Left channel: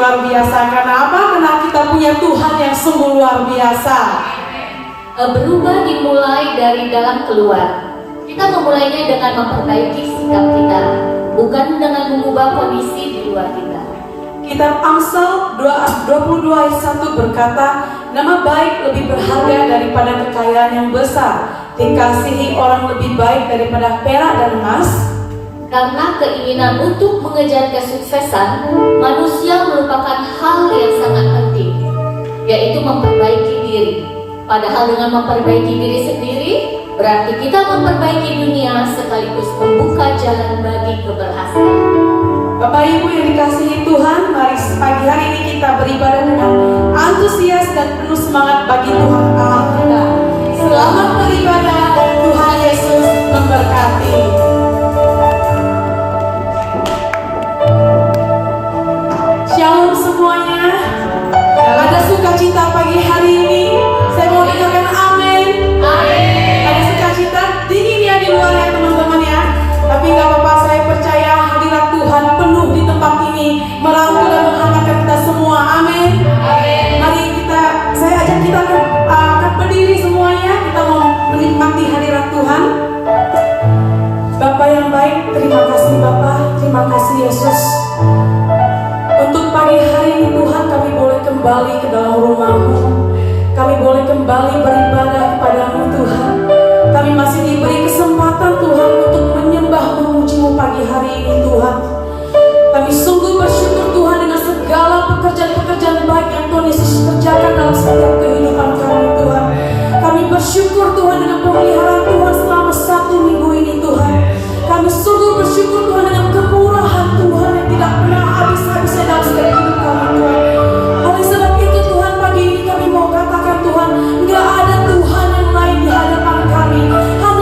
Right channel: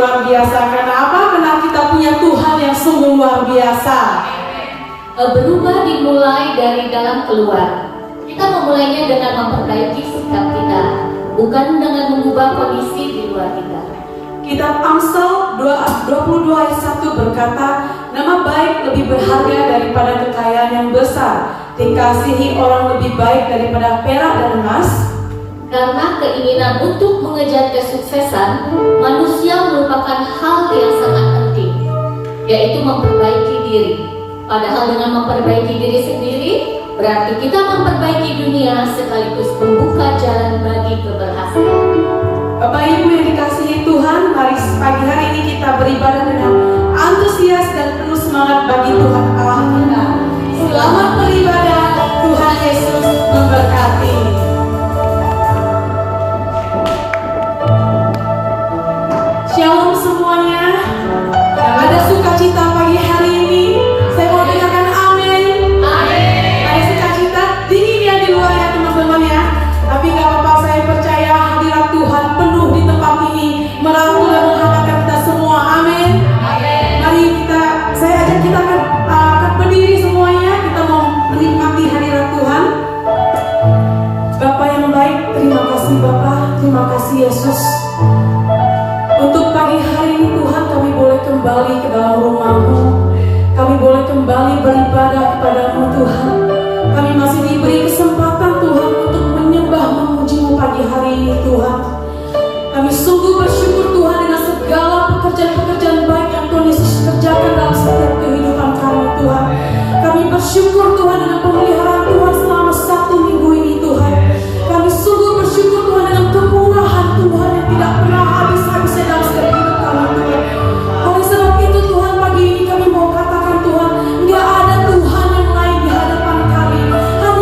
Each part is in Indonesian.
Luar biasa. Karena apa? Karena kita punya Tuhan yang sungguh luar biasa. Berubah dimulai dari dalam keluar. Kita memulainya dengan memperbaiki sikap kita, bukan dengan mengubah kondisi di luar kita. Kitab Amsal 22 ayat 1 berkata, nama baik lebih berharga daripada kekayaan yang besar, dikasihi orang lebih baik daripada perak dan emas. Karena keinginan untuk mengejar kesuksesan, manusia merupakan hal yang sangat penting, yaitu memperbaiki diri. Padahal dengan memperbaiki diri sendiri, berarti kita memperbaiki dunia sekaligus membuka jalan bagi keberhasilan. Bapak Ibu yang dikasihi Tuhan, mari pagi hari ini kita beribadah dengan antusias dan penuh semangat bagi Tuhan Allah kita. Selamat beribadah, Tuhan Yesus memberkati. Shalom semuanya. Ada sukacita pagi hari ini. Saya mau dengarkan amin. Amin. Ada sukacita dingin ya di luar ya teman-teman ya. Tapi gak apa-apa, saya percaya hadirat Tuhan penuh di tempat ini, merangkul dan menghangatkan kita semua. Amin. Mari saya ajak kita akan berdiri semuanya. Kita mau menikmati hadirat Tuhan. Bapa yang baik, terima kasih Bapa, terima kasih Yesus. Untuk pagi hari ini Tuhan, kami boleh kembali ke dalam rumah-Mu. Kami boleh kembali beribadah kepada-Mu Tuhan. Kami masih diberi kesempatan Tuhan untuk menyembah memuji-Mu pagi hari ini Tuhan. Kami sungguh bersyukur Tuhan dengan segala pekerjaan-pekerjaan baik yang Tuhan Yesus kerjakan dalam setiap kehidupan kami Tuhan. Kami bersyukur Tuhan dengan pemeliharaan Tuhan selama 1 minggu ini Tuhan. Kami sungguh bersyukur Tuhan dengan kemurahan Tuhan yang tidak pernah habis-habisnya dalam setiap hidup kami Tuhan. Oleh sebab itu Tuhan, pagi ini kami mau katakan Tuhan, nggak ada Tuhan yang lain di hadapan kami. Hanya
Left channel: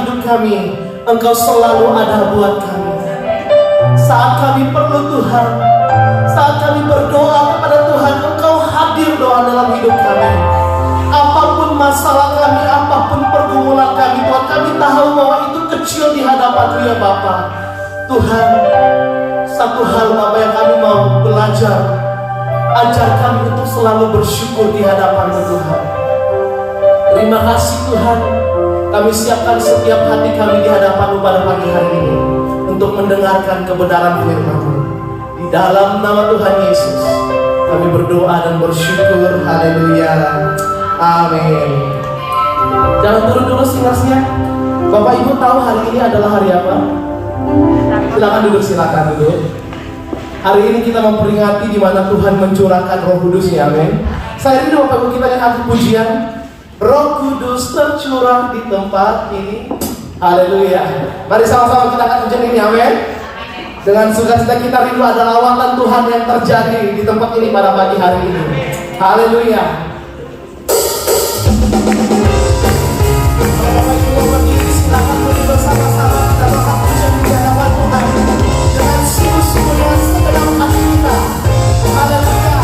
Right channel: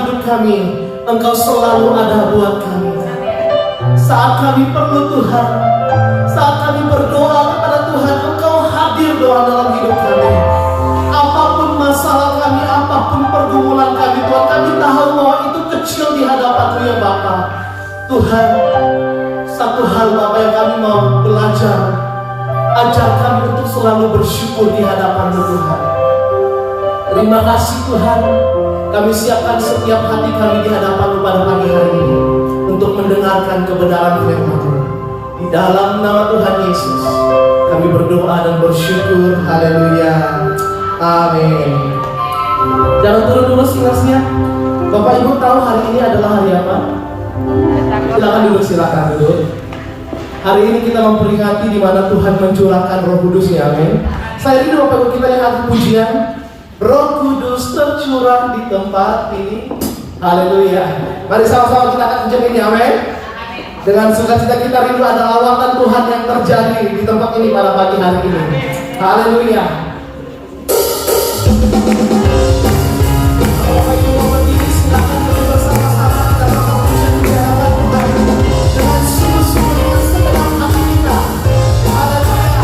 hidup kami, Engkau selalu ada buat kami. Saat kami perlu Tuhan, saat kami berdoa kepada Tuhan, Engkau hadir doa dalam hidup kami. Apapun masalah kami, apapun pergumulan kami, Tuhan, kami tahu bahwa itu kecil di hadapan-Mu ya Bapa. Tuhan, satu hal Bapa yang kami mau belajar, ajar kami untuk selalu bersyukur di hadapan-Mu Tuhan. Terima kasih Tuhan, kami siapkan setiap hati kami di hadapan-Mu pada pagi hari ini untuk mendengarkan kebenaran firman-Mu. Di dalam nama Tuhan Yesus kami berdoa dan bersyukur. Haleluya. Amin. Jangan turun dulu silasnya. Bapak Ibu tahu hari ini adalah hari apa? Silakan duduk. Hari ini kita memperingati di mana Tuhan mencurahkan Roh Kudus ya, amin. Saya ini Bapak Ibu kita lihat pujian Roh Kudus tercurah di tempat ini. Haleluya. Mari sama-sama kita akan pujian ini, amin. Dengan sukacita kita rindu ada lawatan Tuhan yang terjadi di tempat ini pada pagi hari ini. Haleluya. Kalau Bapak Ibu berdiri, silakan berdiri bersama-sama kita doa pujian di hadapan Tuhan dengan sungguh-sungguh dengan segenap hati kita. Haleluya.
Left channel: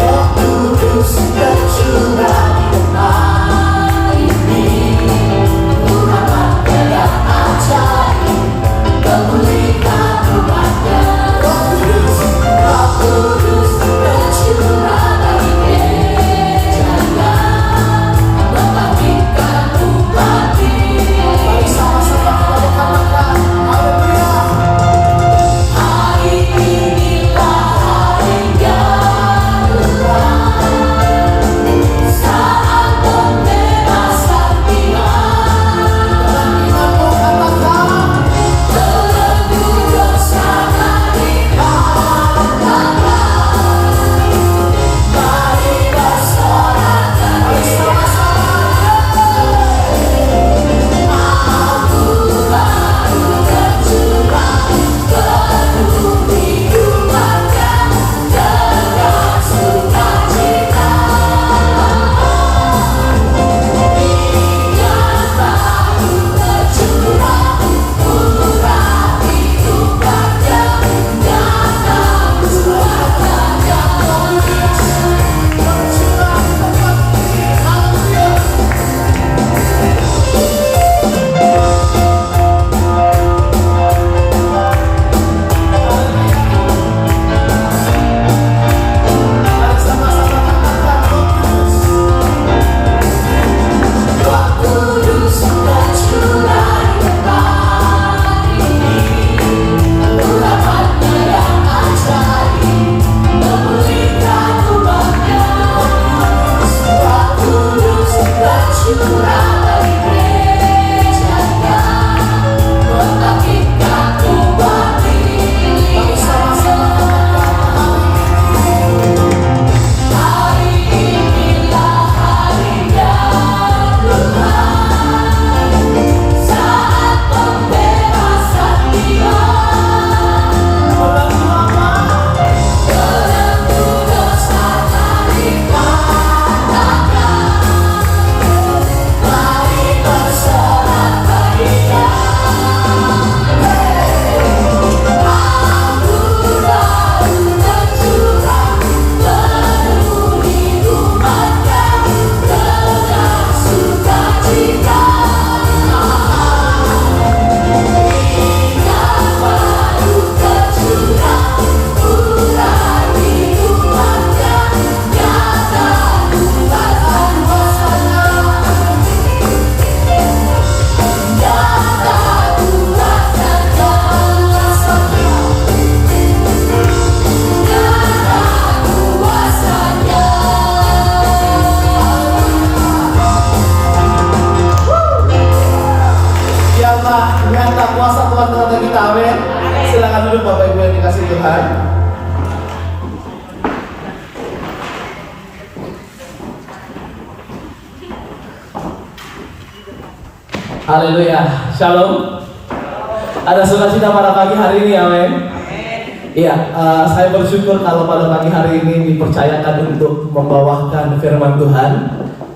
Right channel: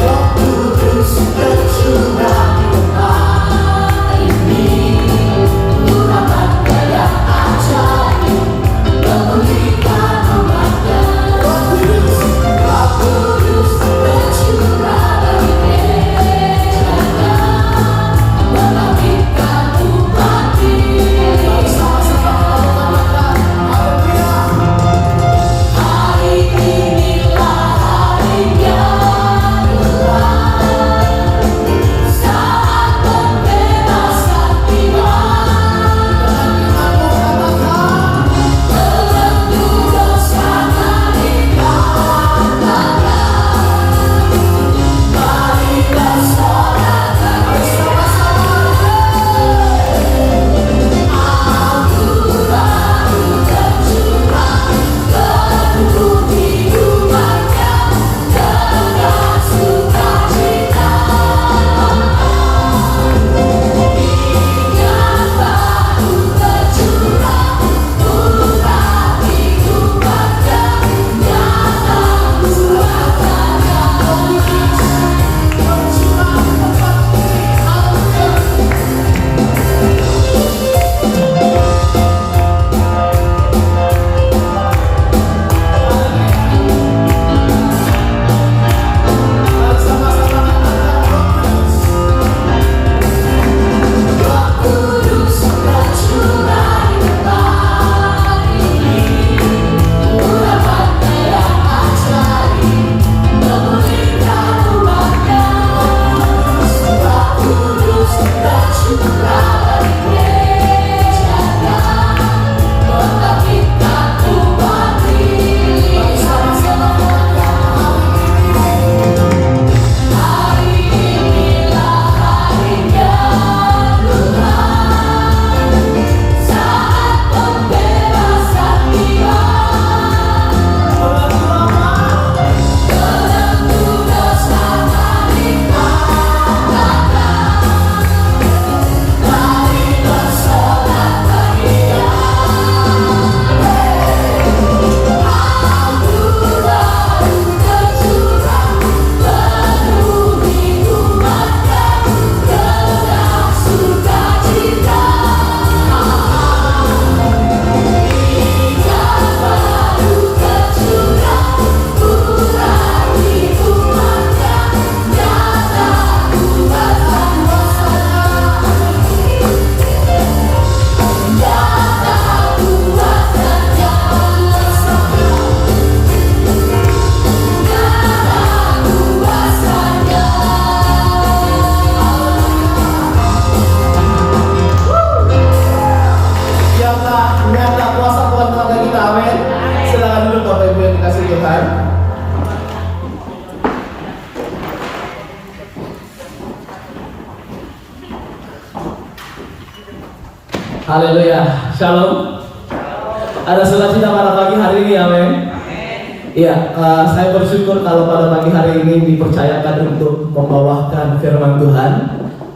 Roh Kudus tercurah di tempat ini, urapannya yang ajaib, memulihkan umatnya. Roh Kudus tercurah bagi gerejanya, membangkitkan umat ini. Mari sama-sama kita katakan, haleluya. Hari inilah harinya Tuhan, saat pembebasan tiba. Dalam imanmu katakan, belenggu dosa mari lawan tangan. Mari bersorak bersama-sama. Aku baru tercurah, penuhi umatnya dengan sukacita. Minyak baru tercurah, urapi umatnya, nyata kuatnya. Tercurah di tempat ini, haleluya. Roh Kudus tercurah di tempat ini, urapannya yang ajaib, memulihkan umatnya. Roh Kudus tercurah bagi gerejanya, membangkitkan umat ini. Hari inilah harinya Tuhan, saat pembebasan tiba. Belenggu dosa mari patahkan. Mari bersorak bahagia. Aku baru tercurah, penuhi umatnya dengan sukacita. Minyak baru tercurah, urapi umatnya, nyata kuatkan kuasanya. Nyata kuatkan kuasanya. Nyata kuasanya. Siapa nyata kuasa Tuhan dalam kita, amin. Silakan duduk Bapak Ibu yang dikasihi Tuhan. Haleluya, shalom. Ada sukacita pada pagi hari ini, amin. Iya, saya bersyukur kalau pada pagi hari ini dipercayakan untuk membawakan firman Tuhan.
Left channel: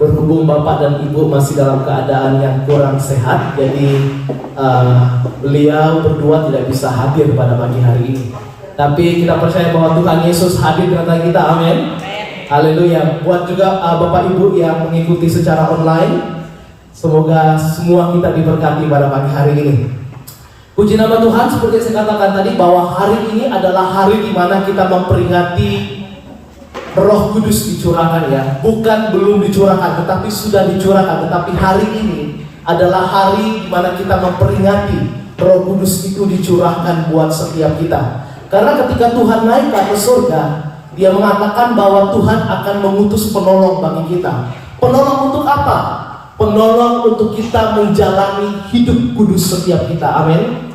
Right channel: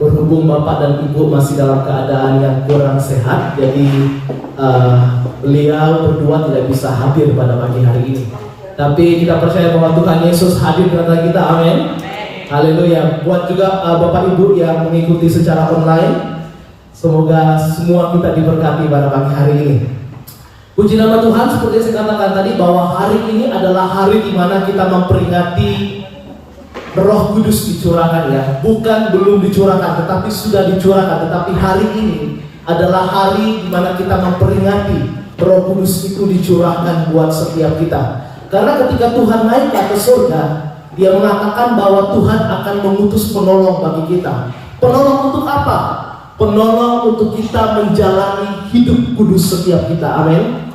berhubung Bapak dan Ibu masih dalam keadaan yang kurang sehat, jadi beliau berdua tidak bisa hadir pada pagi hari ini. Tapi kita percaya bahwa Tuhan Yesus hadir di tengah kita, amin. Haleluya. Buat juga Bapak Ibu yang mengikuti secara online, semoga semua kita diberkati pada pagi hari ini. Puji nama Tuhan, seperti yang saya katakan tadi bahwa hari ini adalah hari di mana kita memperingati Roh Kudus dicurahkan, ya. Bukan belum dicurahkan, tetapi sudah dicurahkan. Tetapi hari ini adalah hari di mana kita memperingati Roh Kudus itu dicurahkan buat setiap kita. Karena ketika Tuhan naik ke atas surga, Dia mengatakan bahwa Tuhan akan mengutus penolong bagi kita. Penolong untuk apa? Penolong untuk kita menjalani hidup kudus setiap kita. Amin.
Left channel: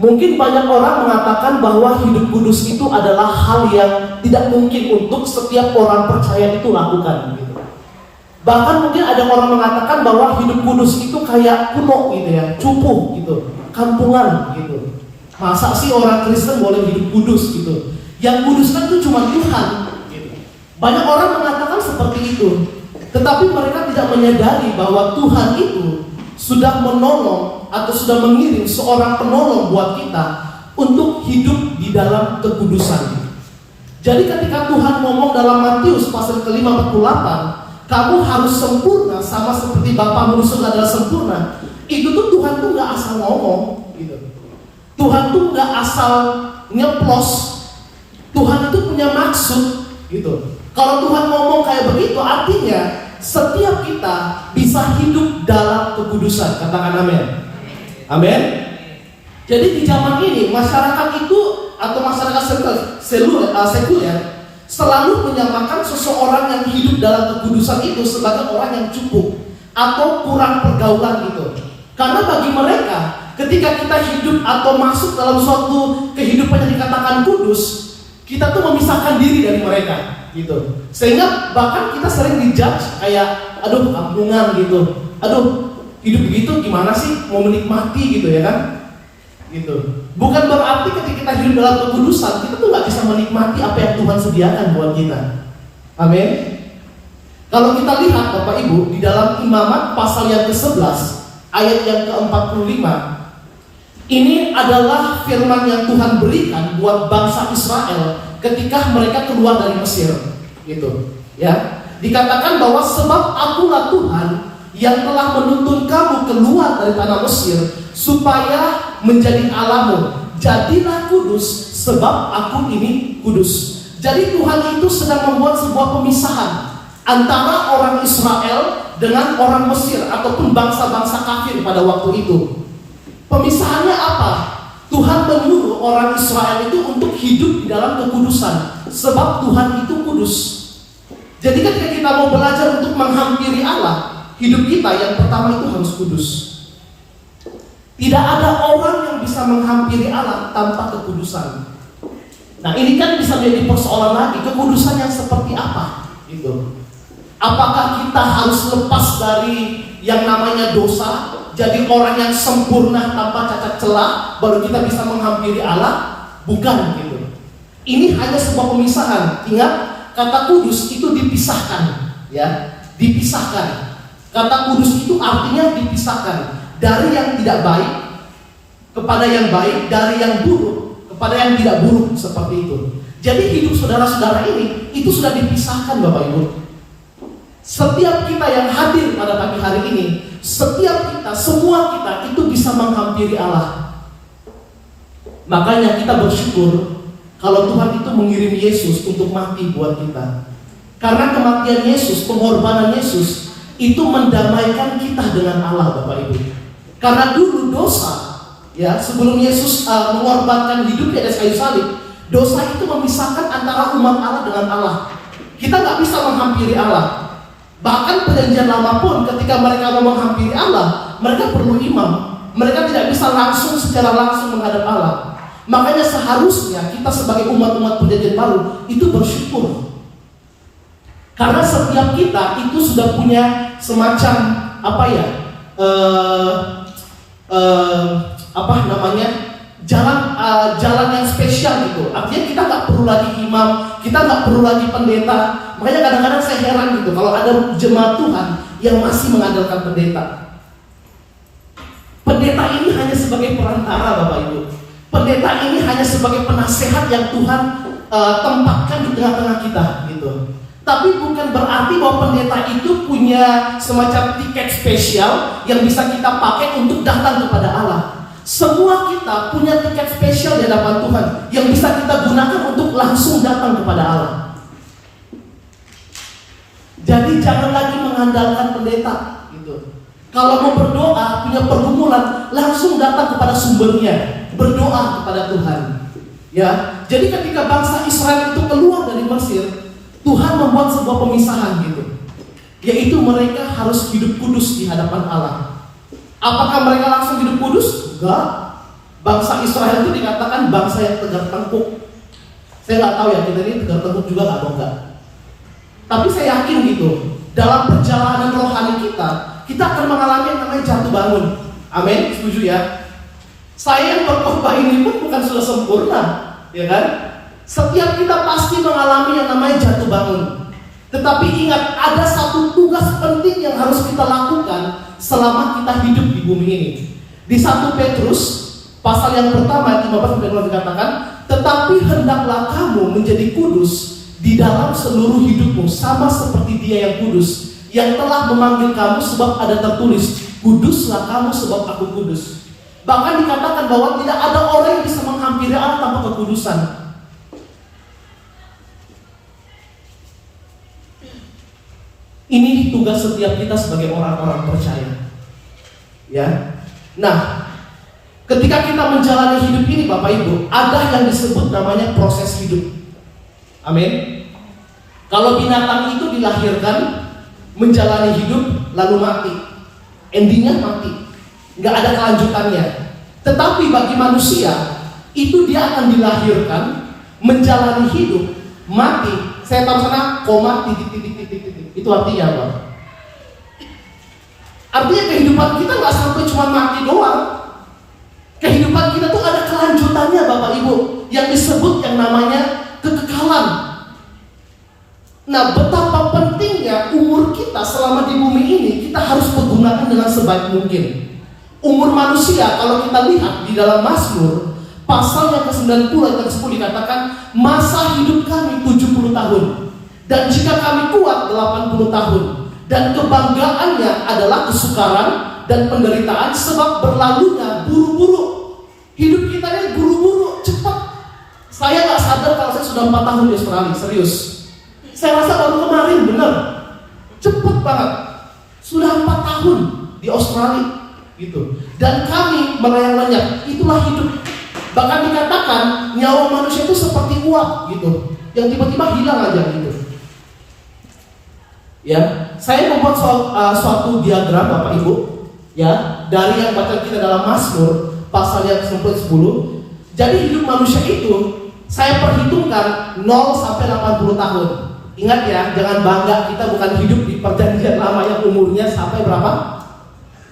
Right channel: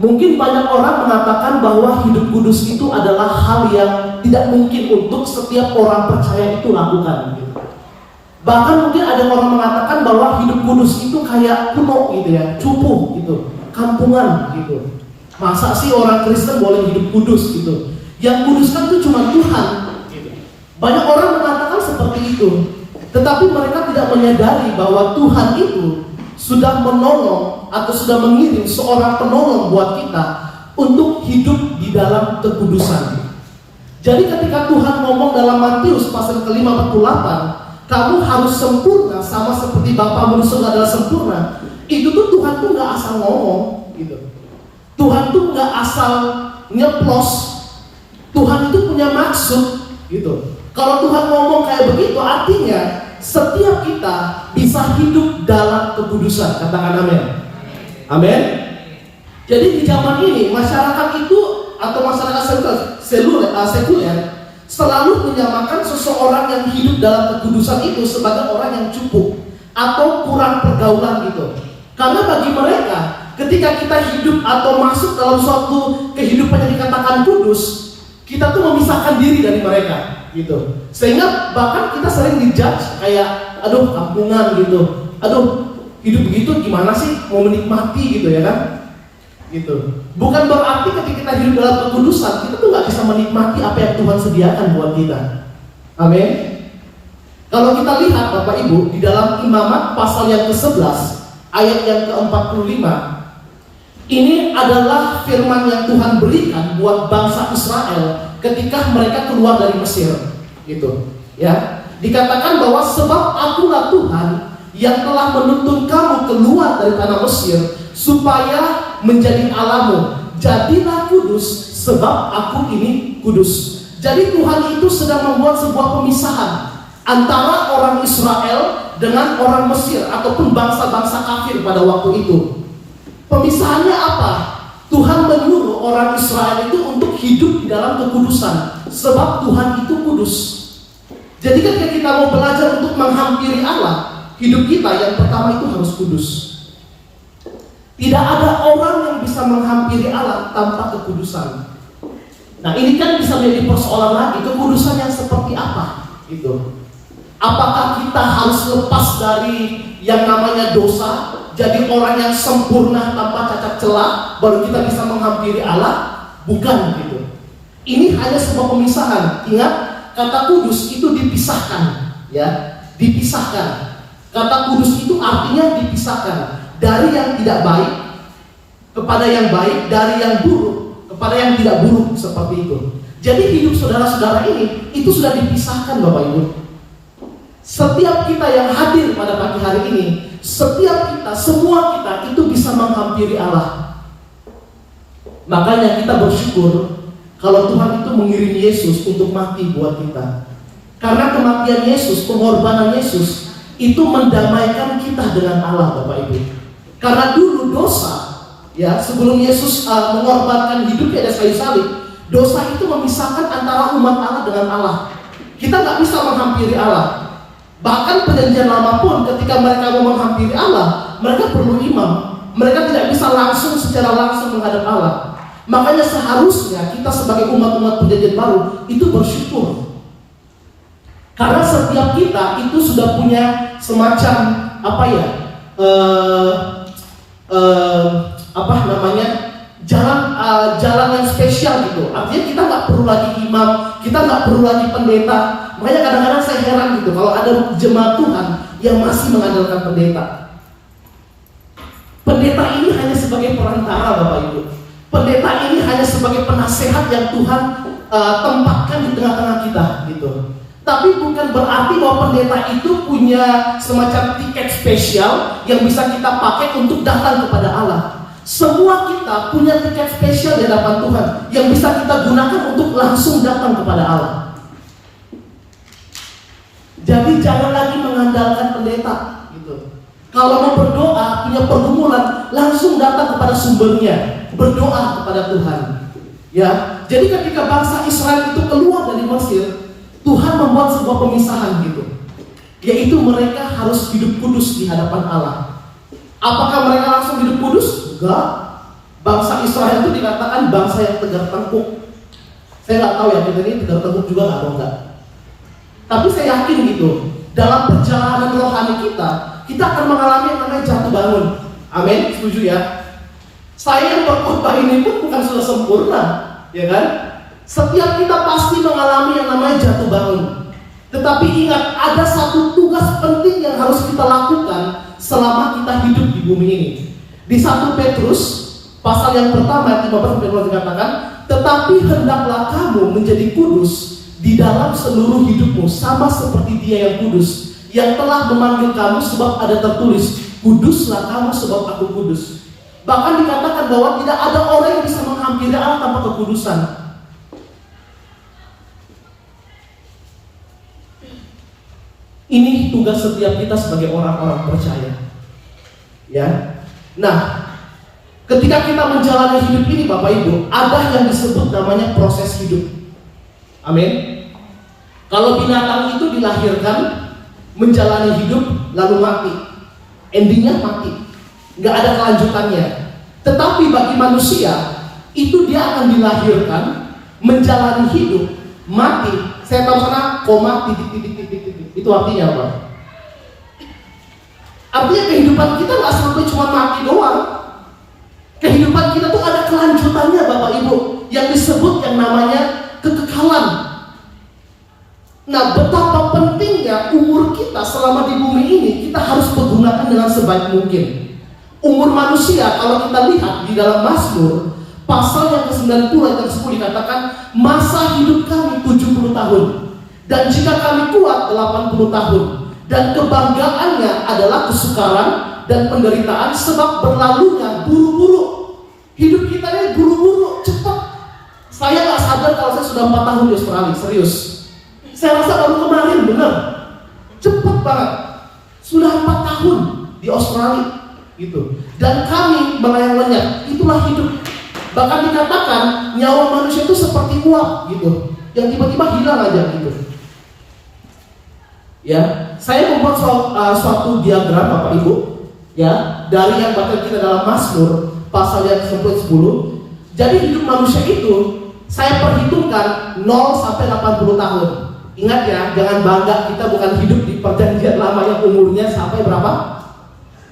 Mungkin banyak orang mengatakan bahwa hidup kudus itu adalah hal yang tidak mungkin untuk setiap orang percaya itu lakukan, gitu. Bahkan mungkin ada orang mengatakan bahwa hidup kudus itu kayak kuno gitu ya, cupu gitu, kampungan gitu. Masa sih orang Kristen boleh hidup kudus gitu? Yang kudus kan itu cuma Tuhan, gitu. Banyak orang mengatakan seperti itu, tetapi mereka tidak menyadari bahwa Tuhan itu sudah menolong atau sudah mengirim seorang penolong buat kita untuk hidup di dalam kekudusan. Jadi ketika Tuhan ngomong dalam Matius pasal ke-5:48, kamu harus sempurna sama seperti Bapamu di surga adalah sempurna. Itu tuh Tuhan tuh nggak asal ngomong, gitu. Tuhan tuh nggak asal nyeplos. Tuhan itu punya maksud, gitu. Kalau Tuhan ngomong kayak begitu, artinya setiap kita bisa hidup dalam kekudusan. Katakan amin. Amin. Jadi di zaman ini masyarakat itu atau masyarakat sekuler selalu menyamakan seseorang yang hidup dalam kekudusan itu sebagai orang yang cukup atau kurang pergaulan gitu. Karena bagi mereka ketika kita hidup atau masuk dalam suatu kehidupan yang dikatakan kudus, kita tuh memisahkan diri dari mereka, gitu. Sehingga bahkan kita sering dijudge kayak, aduh kampungan gitu, aduh hidup begitu gimana sih mau menikmati gitu ya kan, gitu. Bukan berarti ketika kita hidup dalam kekudusan kita tuh nggak bisa menikmati apa yang Tuhan sediakan buat kita. Amin. Kalau kita lihat Bapak Ibu di dalam Imamat pasal yang ke-11 ayat yang ke-45, ini adalah firman yang Tuhan berikan buat bangsa Israel ketika mereka keluar dari Mesir, gitu. Ya, dikatakan bahwa sebab Akulah Tuhan yang telah menuntun kamu keluar dari tanah Mesir supaya menjadi Allahmu. Jadilah kudus sebab Aku ini kudus. Jadi Tuhan itu sedang membuat sebuah pemisahan antara orang Israel dengan orang Mesir ataupun bangsa-bangsa kafir pada waktu itu. Pemisahannya apa? Tuhan menyuruh orang Israel itu untuk hidup di dalam kekudusan sebab Tuhan itu kudus. Jadi ketika kita mau belajar untuk menghampiri Allah, hidup kita yang pertama itu harus kudus. Tidak ada orang yang bisa menghampiri Allah tanpa kekudusan. Nah ini kan bisa menjadi persoalan lagi, kekudusan yang seperti apa? Gitu. Apakah kita harus lepas dari yang namanya dosa, jadi orang yang sempurna tanpa cacat celah, baru kita bisa menghampiri Allah? Bukan gitu. Ini hanya sebuah pemisahan. Ingat, kata kudus itu dipisahkan, ya, dipisahkan. Kata kudus itu artinya dipisahkan dari yang tidak baik kepada yang baik, dari yang buruk kepada yang tidak buruk, seperti itu. Jadi hidup saudara-saudara ini itu sudah dipisahkan Bapak Ibu. Setiap kita yang hadir pada pagi hari ini, setiap kita, semua kita itu bisa menghampiri Allah. Makanya kita bersyukur kalau Tuhan itu mengirim Yesus untuk mati buat kita. Karena kematian Yesus, pengorbanan Yesus itu mendamaikan kita dengan Allah Bapak Ibu. Karena dulu dosa, ya, sebelum Yesus mengorbankan hidupnya di atas kayu salib, dosa itu memisahkan antara umat Allah dengan Allah. Kita nggak bisa menghampiri Allah. Bahkan perjanjian lama pun ketika mereka mau menghampiri Allah, mereka perlu imam. Mereka tidak bisa langsung secara langsung menghadap Allah. Makanya seharusnya kita sebagai umat-umat perjanjian baru itu bersyukur. Karena setiap kita itu sudah punya semacam apa ya? Jalan yang spesial gitu. Artinya kita nggak perlu lagi imam, kita nggak perlu lagi pendeta. Makanya kadang-kadang saya heran gitu kalau ada jemaat Tuhan yang masih mengandalkan pendeta. Pendeta ini hanya sebagai perantara, Bapak Ibu. Pendeta ini hanya sebagai penasehat yang Tuhan tempatkan di tengah-tengah kita gitu. Tapi bukan berarti bahwa pendeta itu punya semacam tiket spesial yang bisa kita pakai untuk datang kepada Allah. Semua kita punya tiket spesial di hadapan Tuhan yang bisa kita gunakan untuk langsung datang kepada Allah. Jadi jangan lagi mengandalkan pendeta gitu. Kalau mau berdoa, punya pergumulan, langsung datang kepada sumbernya, berdoa kepada Tuhan. Ya, jadi ketika bangsa Israel itu keluar dari Mesir, Tuhan membuat sebuah pemisahan gitu, yaitu mereka harus hidup kudus di hadapan Allah. Apakah mereka langsung hidup kudus? Enggak. Bangsa Israel itu dikatakan bangsa yang tegar tengkuk. Saya nggak tahu ya kita ini tegar tengkuk juga atau enggak. Tapi saya yakin gitu, dalam perjalanan rohani kita akan mengalami yang namanya jatuh bangun. Amin, setuju ya? Saya yang berkhotbah ini pun bukan sudah sempurna, ya kan? Setiap kita pasti mengalami yang namanya jatuh bangun. Tetapi ingat, ada satu tugas penting yang harus kita lakukan selama kita hidup di bumi ini. Di 1 Petrus pasal yang pertama 15-20 dikatakan, tetapi hendaklah kamu menjadi kudus di dalam seluruh hidupmu, sama seperti Dia yang kudus, yang telah memanggil kamu, sebab ada tertulis, kuduslah kamu sebab aku kudus. Bahkan dikatakan bahwa tidak ada orang yang bisa menghampiri Allah tanpa kekudusan. Ini tugas setiap kita sebagai orang-orang percaya. Ya. Nah, ketika kita menjalani hidup ini Bapak Ibu, ada yang disebut namanya proses hidup. Amin. Kalau binatang itu dilahirkan, menjalani hidup, lalu mati. Endingnya mati, nggak ada kelanjutannya. Tetapi bagi manusia, itu dia akan dilahirkan, menjalani hidup, mati. Saya tahu sana, koma, titik. Itu artinya apa? Artinya kehidupan kita nggak sampai cuma mati doang. Kehidupan kita tuh ada kelanjutannya Bapak Ibu, yang disebut yang namanya kekekalan. Nah, betapa pentingnya umur kita selama di bumi ini kita harus pergunakan dengan sebaik mungkin. Umur manusia, kalau kita lihat di dalam Mazmur pasal yang ke-90 ayat ke-10 dikatakan, masa hidup kami 70 tahun, dan jika kami kuat 80 tahun, dan kebanggaannya adalah kesukaran dan penderitaan, sebab berlalunya buru-buru. Hidup kita ini buru-buru, cepat. Saya gak sadar kalau saya sudah 4 tahun di Australia, serius. Saya rasa baru kemarin, benar. Cepat banget. Sudah 4 tahun di Australia gitu. Dan kami melayang lenyap. Itulah hidup. Bahkan dikatakan nyawa manusia itu seperti uap gitu, yang tiba-tiba hilang aja gitu. Ya, saya membuat suatu diagram Bapak Ibu, ya, dari yang bahkan kita dalam Mazmur pasal yang 10. Jadi hidup manusia itu saya perhitungkan 0 sampai 80 tahun. Ingat ya, jangan bangga kita bukan hidup di perjanjian lama yang umurnya sampai berapa?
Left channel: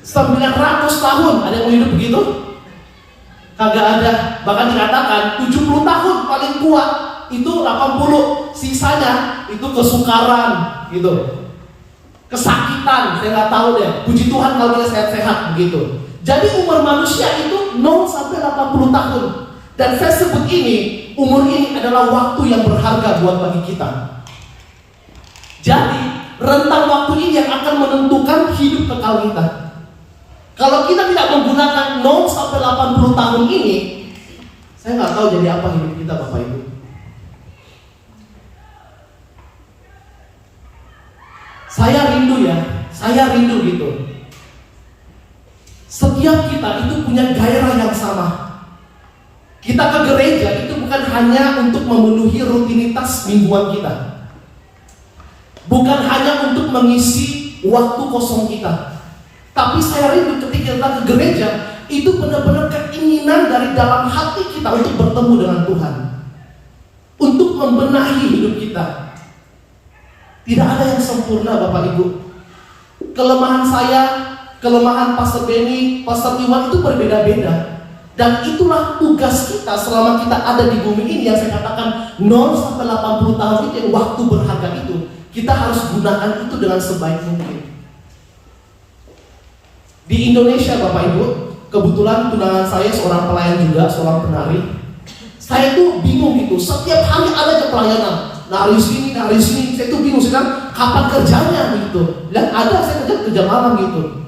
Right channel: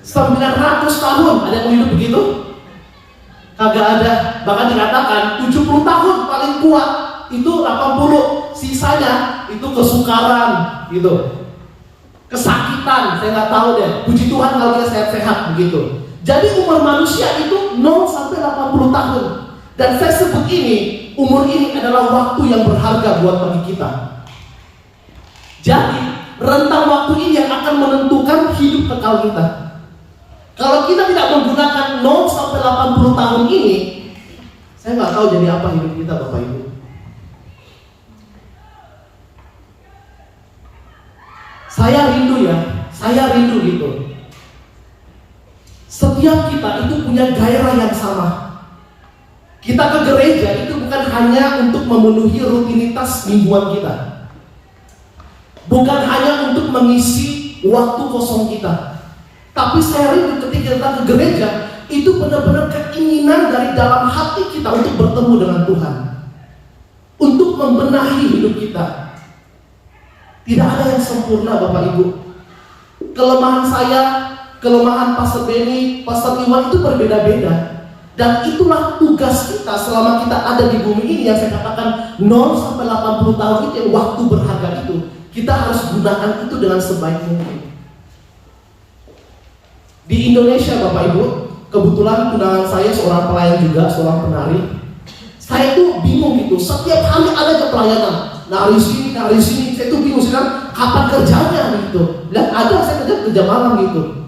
900 tahun. Ada yang mau hidup begitu? Kagak ada. Bahkan dikatakan 70 tahun paling kuat, itu 80. Sisanya itu kesukaran gitu, kesakitan, saya nggak tahu deh. Puji Tuhan kalau kita sehat-sehat begitu. Jadi umur manusia itu 0 sampai 80 tahun. Dan saya sebut ini, umur ini adalah waktu yang berharga buat bagi kita. Jadi rentang waktu ini yang akan menentukan hidup kekal kita. Kalau kita tidak menggunakan 0 sampai 80 tahun ini, saya nggak tahu jadi apa hidup kita Bapak Ibu. Saya rindu gitu. Setiap kita itu punya gairah yang sama. Kita ke gereja itu bukan hanya untuk memenuhi rutinitas mingguan kita, bukan hanya untuk mengisi waktu kosong kita. Tapi saya rindu ketika kita ke gereja, itu benar-benar keinginan dari dalam hati kita untuk bertemu dengan Tuhan, untuk membenahi hidup kita. Tidak ada yang sempurna Bapak Ibu. Kelemahan saya, kelemahan Pastor Benny, Pastor Iwan itu berbeda-beda. Dan itulah tugas kita selama kita ada di bumi ini, yang saya katakan 0 sampai 80 tahun itu yang waktu berharga itu. kita harus gunakan itu dengan sebaik mungkin. Di Indonesia Bapak Ibu, kebetulan tunangan saya seorang pelayan juga, seorang penari. Saya itu bingung gitu, setiap hari ada aja pelayanan, nari sini, saya itu bingung sekarang kapan kerjanya gitu. Dan ada saya kerja malam gitu.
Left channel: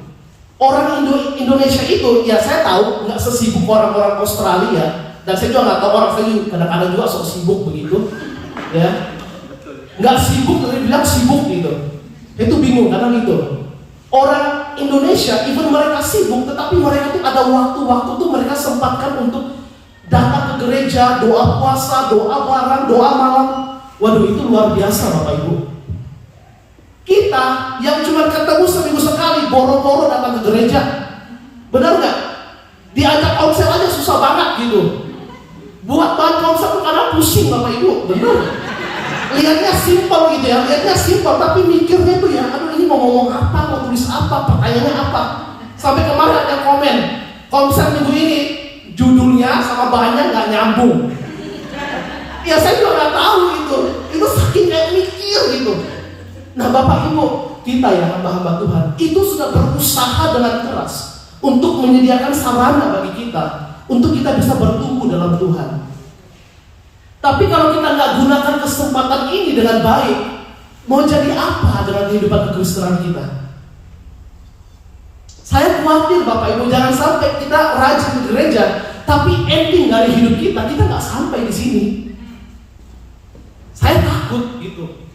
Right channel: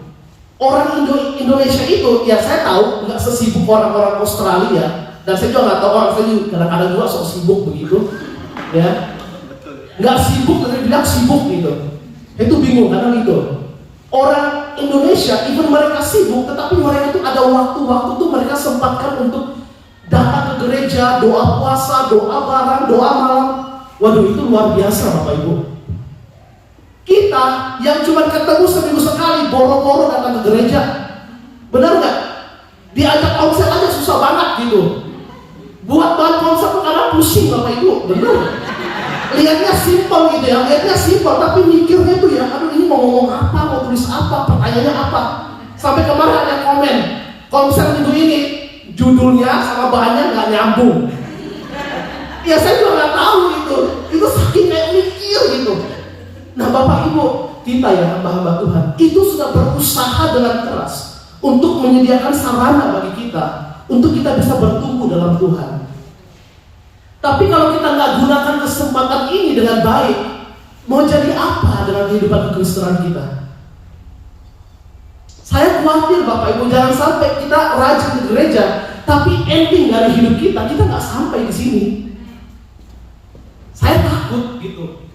Orang Indonesia itu, ya saya tahu nggak sesibuk orang-orang Australia, dan saya juga nggak tahu orang saya kadang-kadang juga sok sibuk begitu, ya. Nggak sibuk, tapi bilang sibuk gitu. Itu bingung karena gitu. Orang Indonesia, even mereka sibuk, tetapi mereka tuh ada waktu-waktu tuh mereka sempatkan untuk datang ke gereja, doa puasa, doa bareng, doa malam. Waduh, itu luar biasa Bapak Ibu. Kita yang cuma ketemu seminggu sekali, boro-boro datang ke gereja, benar nggak? Diajak konser aja susah banget gitu. Buat bahan konser tuh kadang pusing Bapak Ibu, benar? Lihatnya simpel gitu ya, lihatnya simpel, tapi mikirnya tuh ya, aduh ini mau ngomong apa, mau tulis apa, pertanyaannya apa. Sampai kemarin ada komen, konser minggu ini judulnya sama bahannya nggak nyambung. Ya saya juga nggak tahu gitu, itu saking kayak mikir gitu. Nah Bapak Ibu, kita ya hamba-hamba Tuhan, itu sudah berusaha dengan keras untuk menyediakan sarana bagi kita, untuk kita bisa bertumbuh dalam Tuhan. Tapi kalau kita nggak gunakan kesempatan ini dengan baik, mau jadi apa dengan kehidupan kekristenan kita? Saya khawatir Bapak Ibu, jangan sampai kita rajin ke gereja, tapi ending dari hidup kita nggak sampai di sini. Saya takut gitu.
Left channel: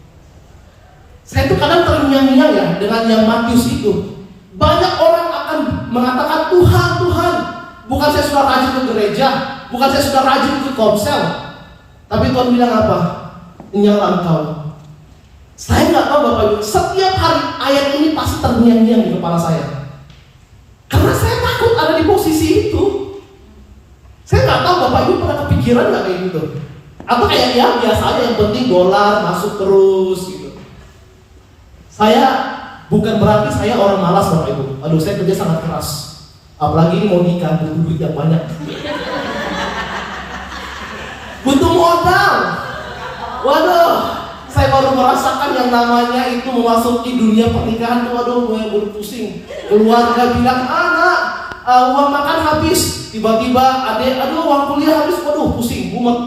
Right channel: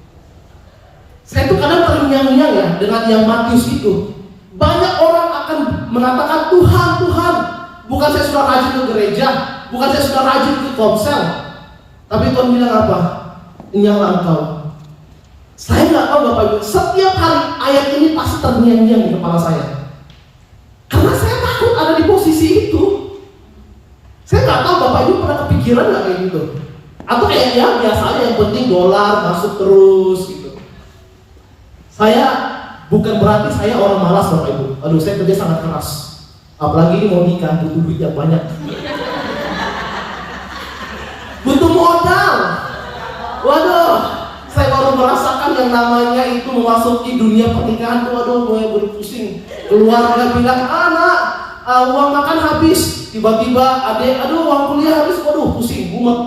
Saya tuh kadang terngiang-ngiang ya dengan yang Matius itu. Banyak orang akan mengatakan Tuhan, bukan saya sudah rajin ke gereja, bukan saya sudah rajin ke komsel. Tapi Tuhan bilang apa? Nyala engkau. Saya nggak tahu Bapak Ibu, setiap hari ayat ini pasti terngiang-ngiang di kepala saya. Karena saya takut ada di posisi itu. Saya nggak tahu Bapak Ibu pernah kepikiran nggak kayak gitu? Atau kayak ya biasa aja, yang penting dolar masuk terus gitu. Saya bukan berarti saya orang malas Bapak Ibu. Aduh, saya kerja sangat keras. Apalagi ini mau nikah, butuh duit yang banyak. Butuh modal. Waduh, saya baru merasakan yang namanya itu memasuki dunia pernikahan. Waduh, gue baru pusing. Keluarga bilang, anak, uang makan habis. Tiba-tiba adek, aduh uang kuliah habis. Waduh, pusing, mumet.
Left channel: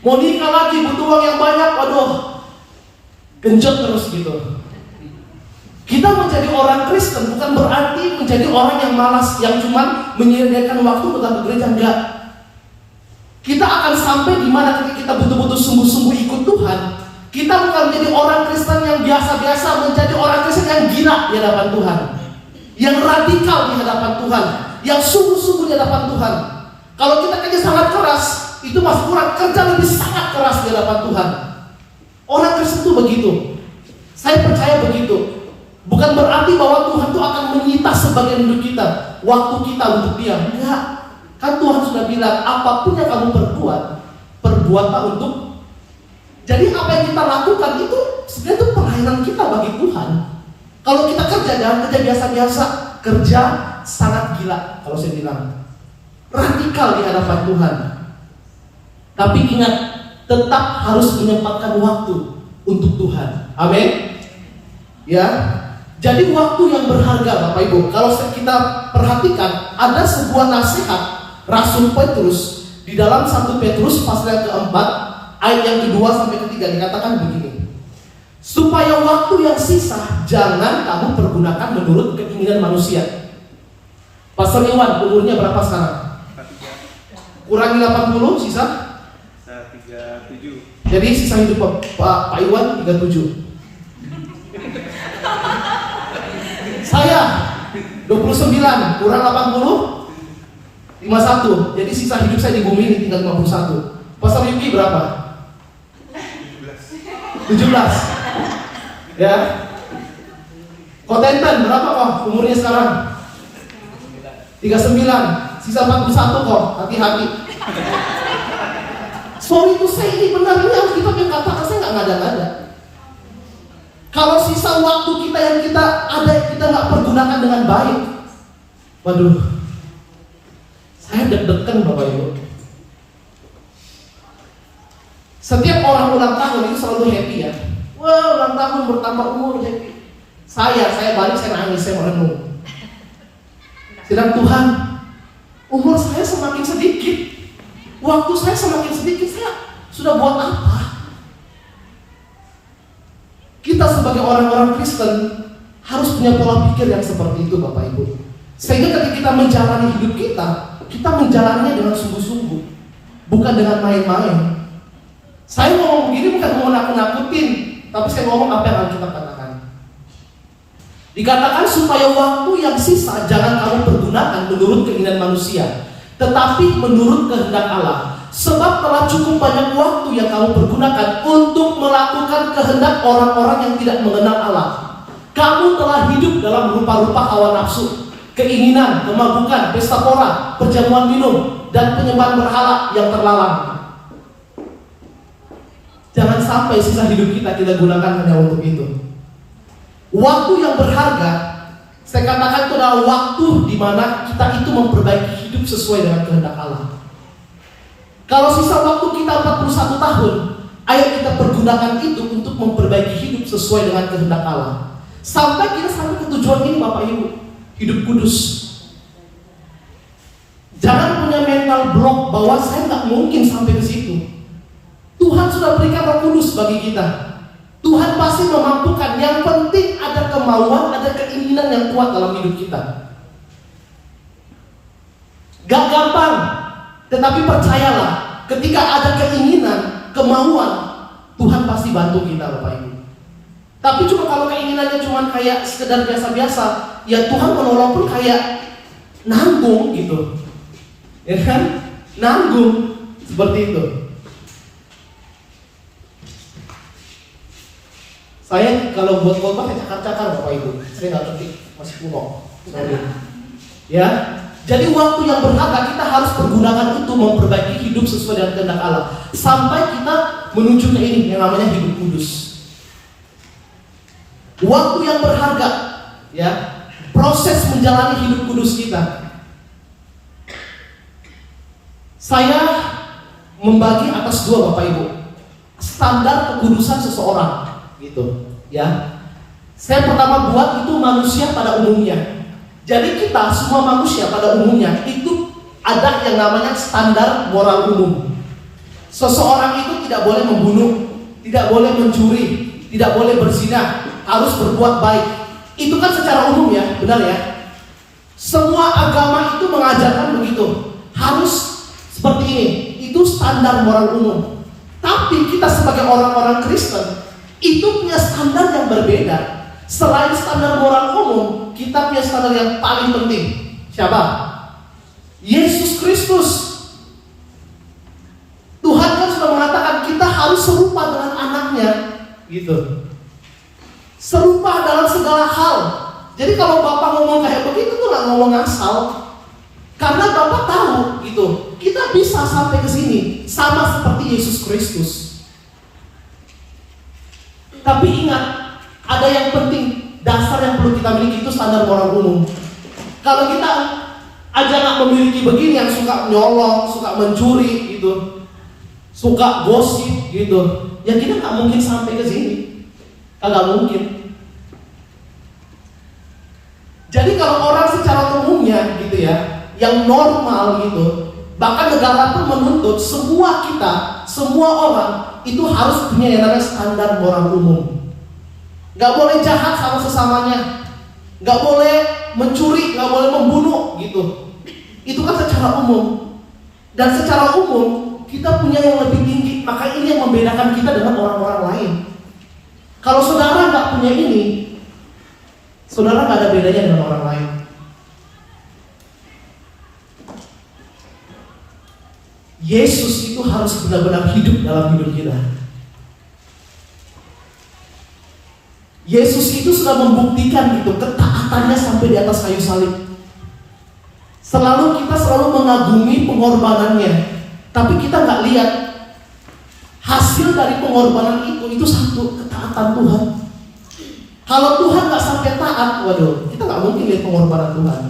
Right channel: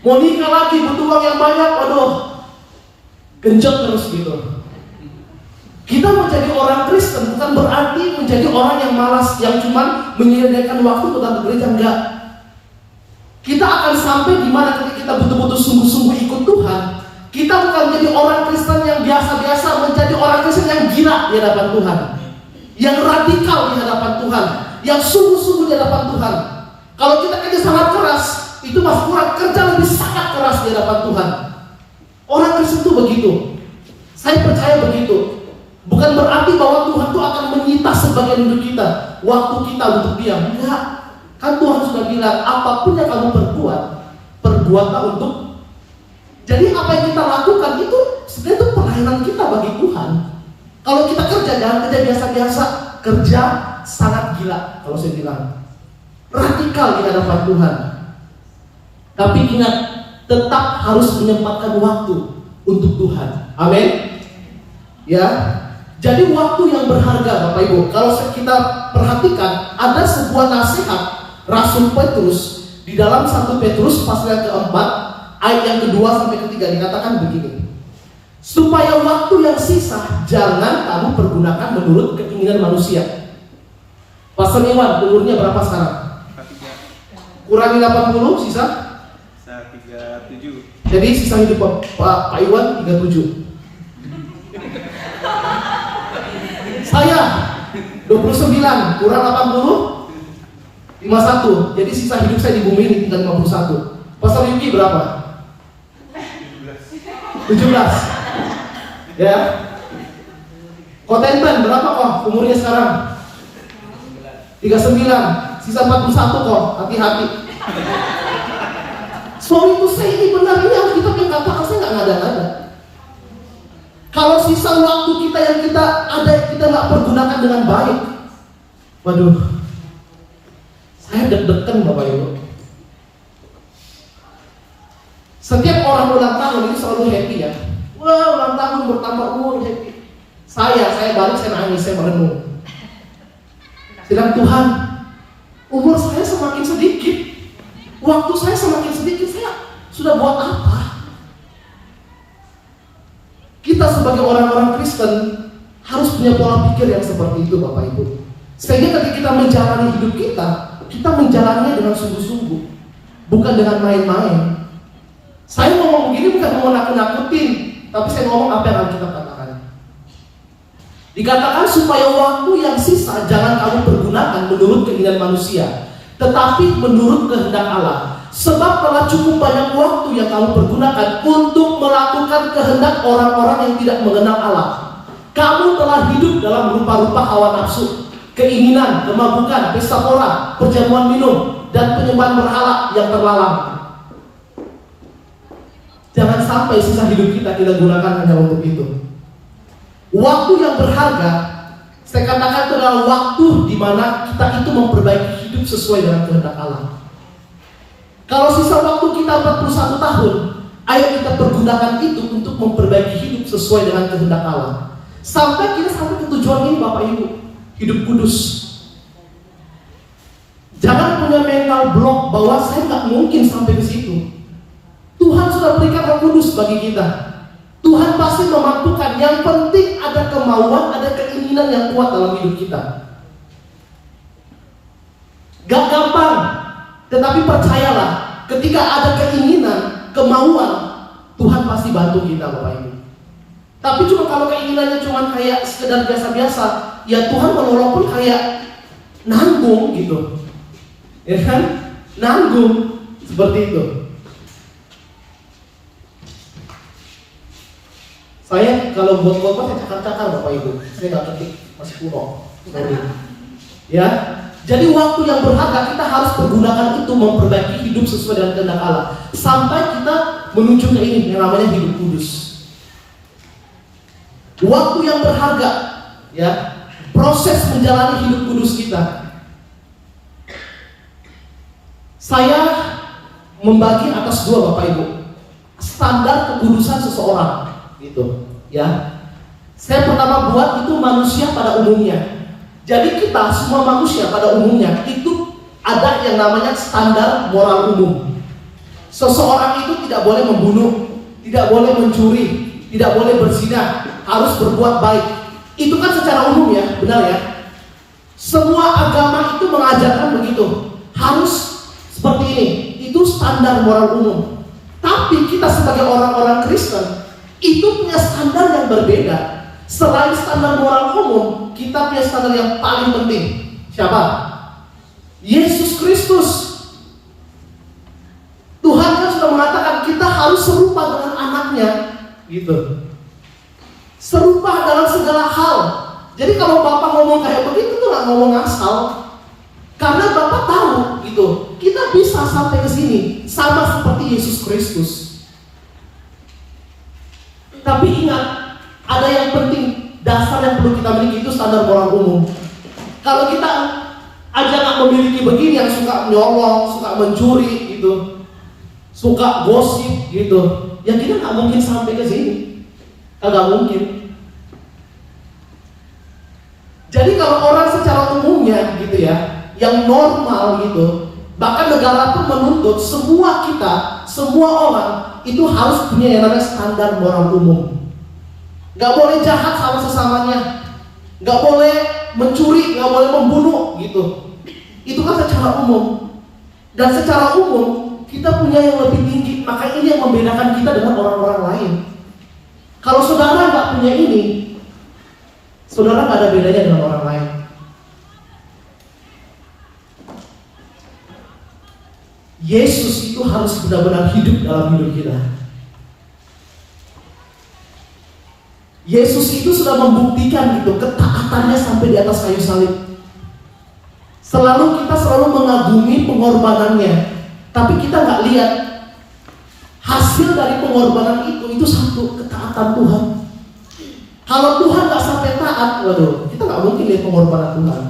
Mau nikah lagi, butuh uang yang banyak. Waduh, genjot terus gitu. Kita menjadi orang Kristen bukan berarti menjadi orang yang malas, yang cuma menyediakan waktu untuk datang ke gereja, enggak. Kita akan sampai di mana ketika kita betul-betul sungguh-sungguh ikut Tuhan. Kita bukan menjadi orang Kristen yang biasa-biasa, menjadi orang Kristen yang gila di hadapan Tuhan, yang radikal di hadapan Tuhan, yang sungguh-sungguh di hadapan Tuhan. Kalau kita kerja sangat keras, itu masih kurang, kerja lebih sangat keras di hadapan Tuhan. Orang Kristen itu begitu. Saya percaya begitu. Bukan berarti bahwa Tuhan itu akan menyita sebagian hidup kita, waktu kita untuk diam. Enggak. Kan Tuhan sudah bilang, apapun yang kamu perbuatlah untuk. Jadi apa yang kita lakukan itu sebenarnya itu pelayanan kita bagi Tuhan. Kalau kita kerja, jangan kerja biasa-biasa, kerja sangat gila. Kalau saya bilang radikal di hadapan Tuhan. Tapi ingat, tetap harus menyempatkan waktu untuk Tuhan. Amin. Ya. Jadi waktu yang berharga Bapak Ibu. Kalau kita perhatikan, ada sebuah nasihat Rasul Petrus di dalam 1 Petrus pasal yang keempat ayat yang kedua sampai ketiga, dikatakan begini: supaya waktu yang sisa jangan kamu pergunakan menurut keinginan manusia. Pastor Iwan, umurnya berapa sekarang? Kurangi 80, sisa? 37. Jadi sisa hidup Pak Iwan 37. Saya 29 kurang 80 51. Jadi sisa hidup saya di bumi ini tinggal 51. Pastor Yuki berapa? 17. Ya. Kontenten berapa kok umurnya sekarang? 39. Sisa 41 kok. Hati-hati. Sorry itu saya ini benar, ini Alkitab yang katakan, saya nggak ngada-ngada. Kalau sisa waktu kita yang kita ada, kita nggak pergunakan dengan baik, waduh, saya deg-degan Bapak Ibu. Setiap orang orang ulang tahun itu selalu happy ya. Wah, ulang tahun bertambah umur, happy. Saya balik, saya nangis, saya merenung. Sedang Tuhan, umur saya semakin sedikit, waktu saya semakin sedikit, saya sudah buat apa? Kita sebagai orang-orang Kristen harus punya pola pikir yang seperti itu, Bapak Ibu. Sehingga ketika kita menjalani hidup kita menjalaninya dengan sungguh-sungguh, bukan dengan main-main. Saya ngomong begini bukan mau nakut-nakutin, tapi saya ngomong apa yang akan kita katakan. Dikatakan supaya waktu yang sisa jangan kamu pergunakan menurut keinginan manusia, tetapi menurut kehendak Allah. Sebab telah cukup banyak waktu yang kamu pergunakan untuk melakukan kehendak orang-orang yang tidak mengenal Allah. Kamu telah hidup dalam rupa-rupa hawa nafsu, keinginan, kemabukan, pesta pora, perjamuan minum, dan penyembahan berhala yang terlarang. Jangan sampai sisa hidup kita gunakan hanya untuk itu. Waktu yang berharga, saya katakan itu adalah waktu di mana kita itu memperbaiki hidup sesuai dengan kehendak Allah. Kalau sisa waktu kita 41 tahun, ayo kita pergunakan itu untuk memperbaiki hidup sesuai dengan kehendak Allah. Sampai kita sampai ke tujuan ini, Bapak Ibu, hidup kudus. Jangan punya mental block bahwa saya nggak mungkin sampai ke situ. Tuhan sudah berikan Roh Kudus bagi kita. Tuhan pasti memampukan. Yang penting ada kemauan, ada keinginan yang kuat dalam hidup kita. Gak gampang, tetapi percayalah, ketika ada keinginan, kemauan, Tuhan pasti bantu kita, Bapak Ibu. Tapi cuma kalau keinginannya cuma kayak sekedar biasa-biasa, ya Tuhan menolong pun kayak nanggung gitu, ya kan? Nanggung seperti itu. Saya kalau buat khotbah saya cakar-cakar, Bapak Ibu. Saya nggak ketik, masih kuno. Ya, jadi waktu yang berharga kita harus pergunakan itu memperbaiki hidup sesuai dengan kehendak Allah. Sampai kita menuju ke ini yang namanya hidup kudus. Waktu yang berharga, ya, proses menjalani hidup kudus kita. Saya membagi atas dua, Bapak Ibu, standar kekudusan seseorang. Gitu, ya. Saya pertama buat itu manusia pada umumnya. Jadi kita semua manusia pada umumnya itu ada yang namanya standar moral umum. Seseorang itu tidak boleh membunuh, tidak boleh mencuri, tidak boleh berzina, harus berbuat baik. Itu kan secara umum ya, benar ya. Semua agama itu mengajarkan begitu, harus seperti ini. Itu standar moral umum. Tapi kita sebagai orang-orang Kristen itu punya standar yang berbeda. Selain standar moral umum, kita punya standar yang paling penting. Siapa? Yesus Kristus. Tuhan kan sudah mengatakan kita harus serupa dengan anaknya, gitu. Serupa dalam segala hal. Jadi kalau Bapak ngomong kayak begitu tuh nggak ngomong asal. Karena Bapak tahu, gitu, kita bisa sampai ke sini sama seperti Yesus Kristus. Tapi ingat, ada yang penting, dasar yang perlu kita miliki itu standar moral umum. Kalau kita aja nggak memiliki begini, yang suka nyolong, suka mencuri, gitu, suka gosip, gitu, ya kita nggak mungkin sampai ke sini, nggak mungkin. Jadi kalau orang secara umumnya, gitu ya, yang normal, gitu, bahkan negara pun menuntut semua kita, semua orang itu harus punya yang namanya standar moral umum. Gak boleh jahat sama sesamanya, gak boleh mencuri, gak boleh membunuh, gitu. Itu kan secara umum. Dan secara umum kita punya yang lebih tinggi. Maka ini yang membedakan kita dengan orang-orang lain. Kalau saudara gak punya ini, saudara gak ada bedanya dengan orang lain. Yesus itu harus benar-benar hidup dalam hidup kita. Yesus itu sudah membuktikan gitu ketaatannya sampai di atas kayu salib. Kita selalu mengagumi pengorbanannya, tapi kita nggak lihat hasil dari pengorbanan itu satu ketaatan Tuhan. Kalau Tuhan nggak sampai taat, waduh, kita nggak mungkin lihat pengorbanan Tuhan.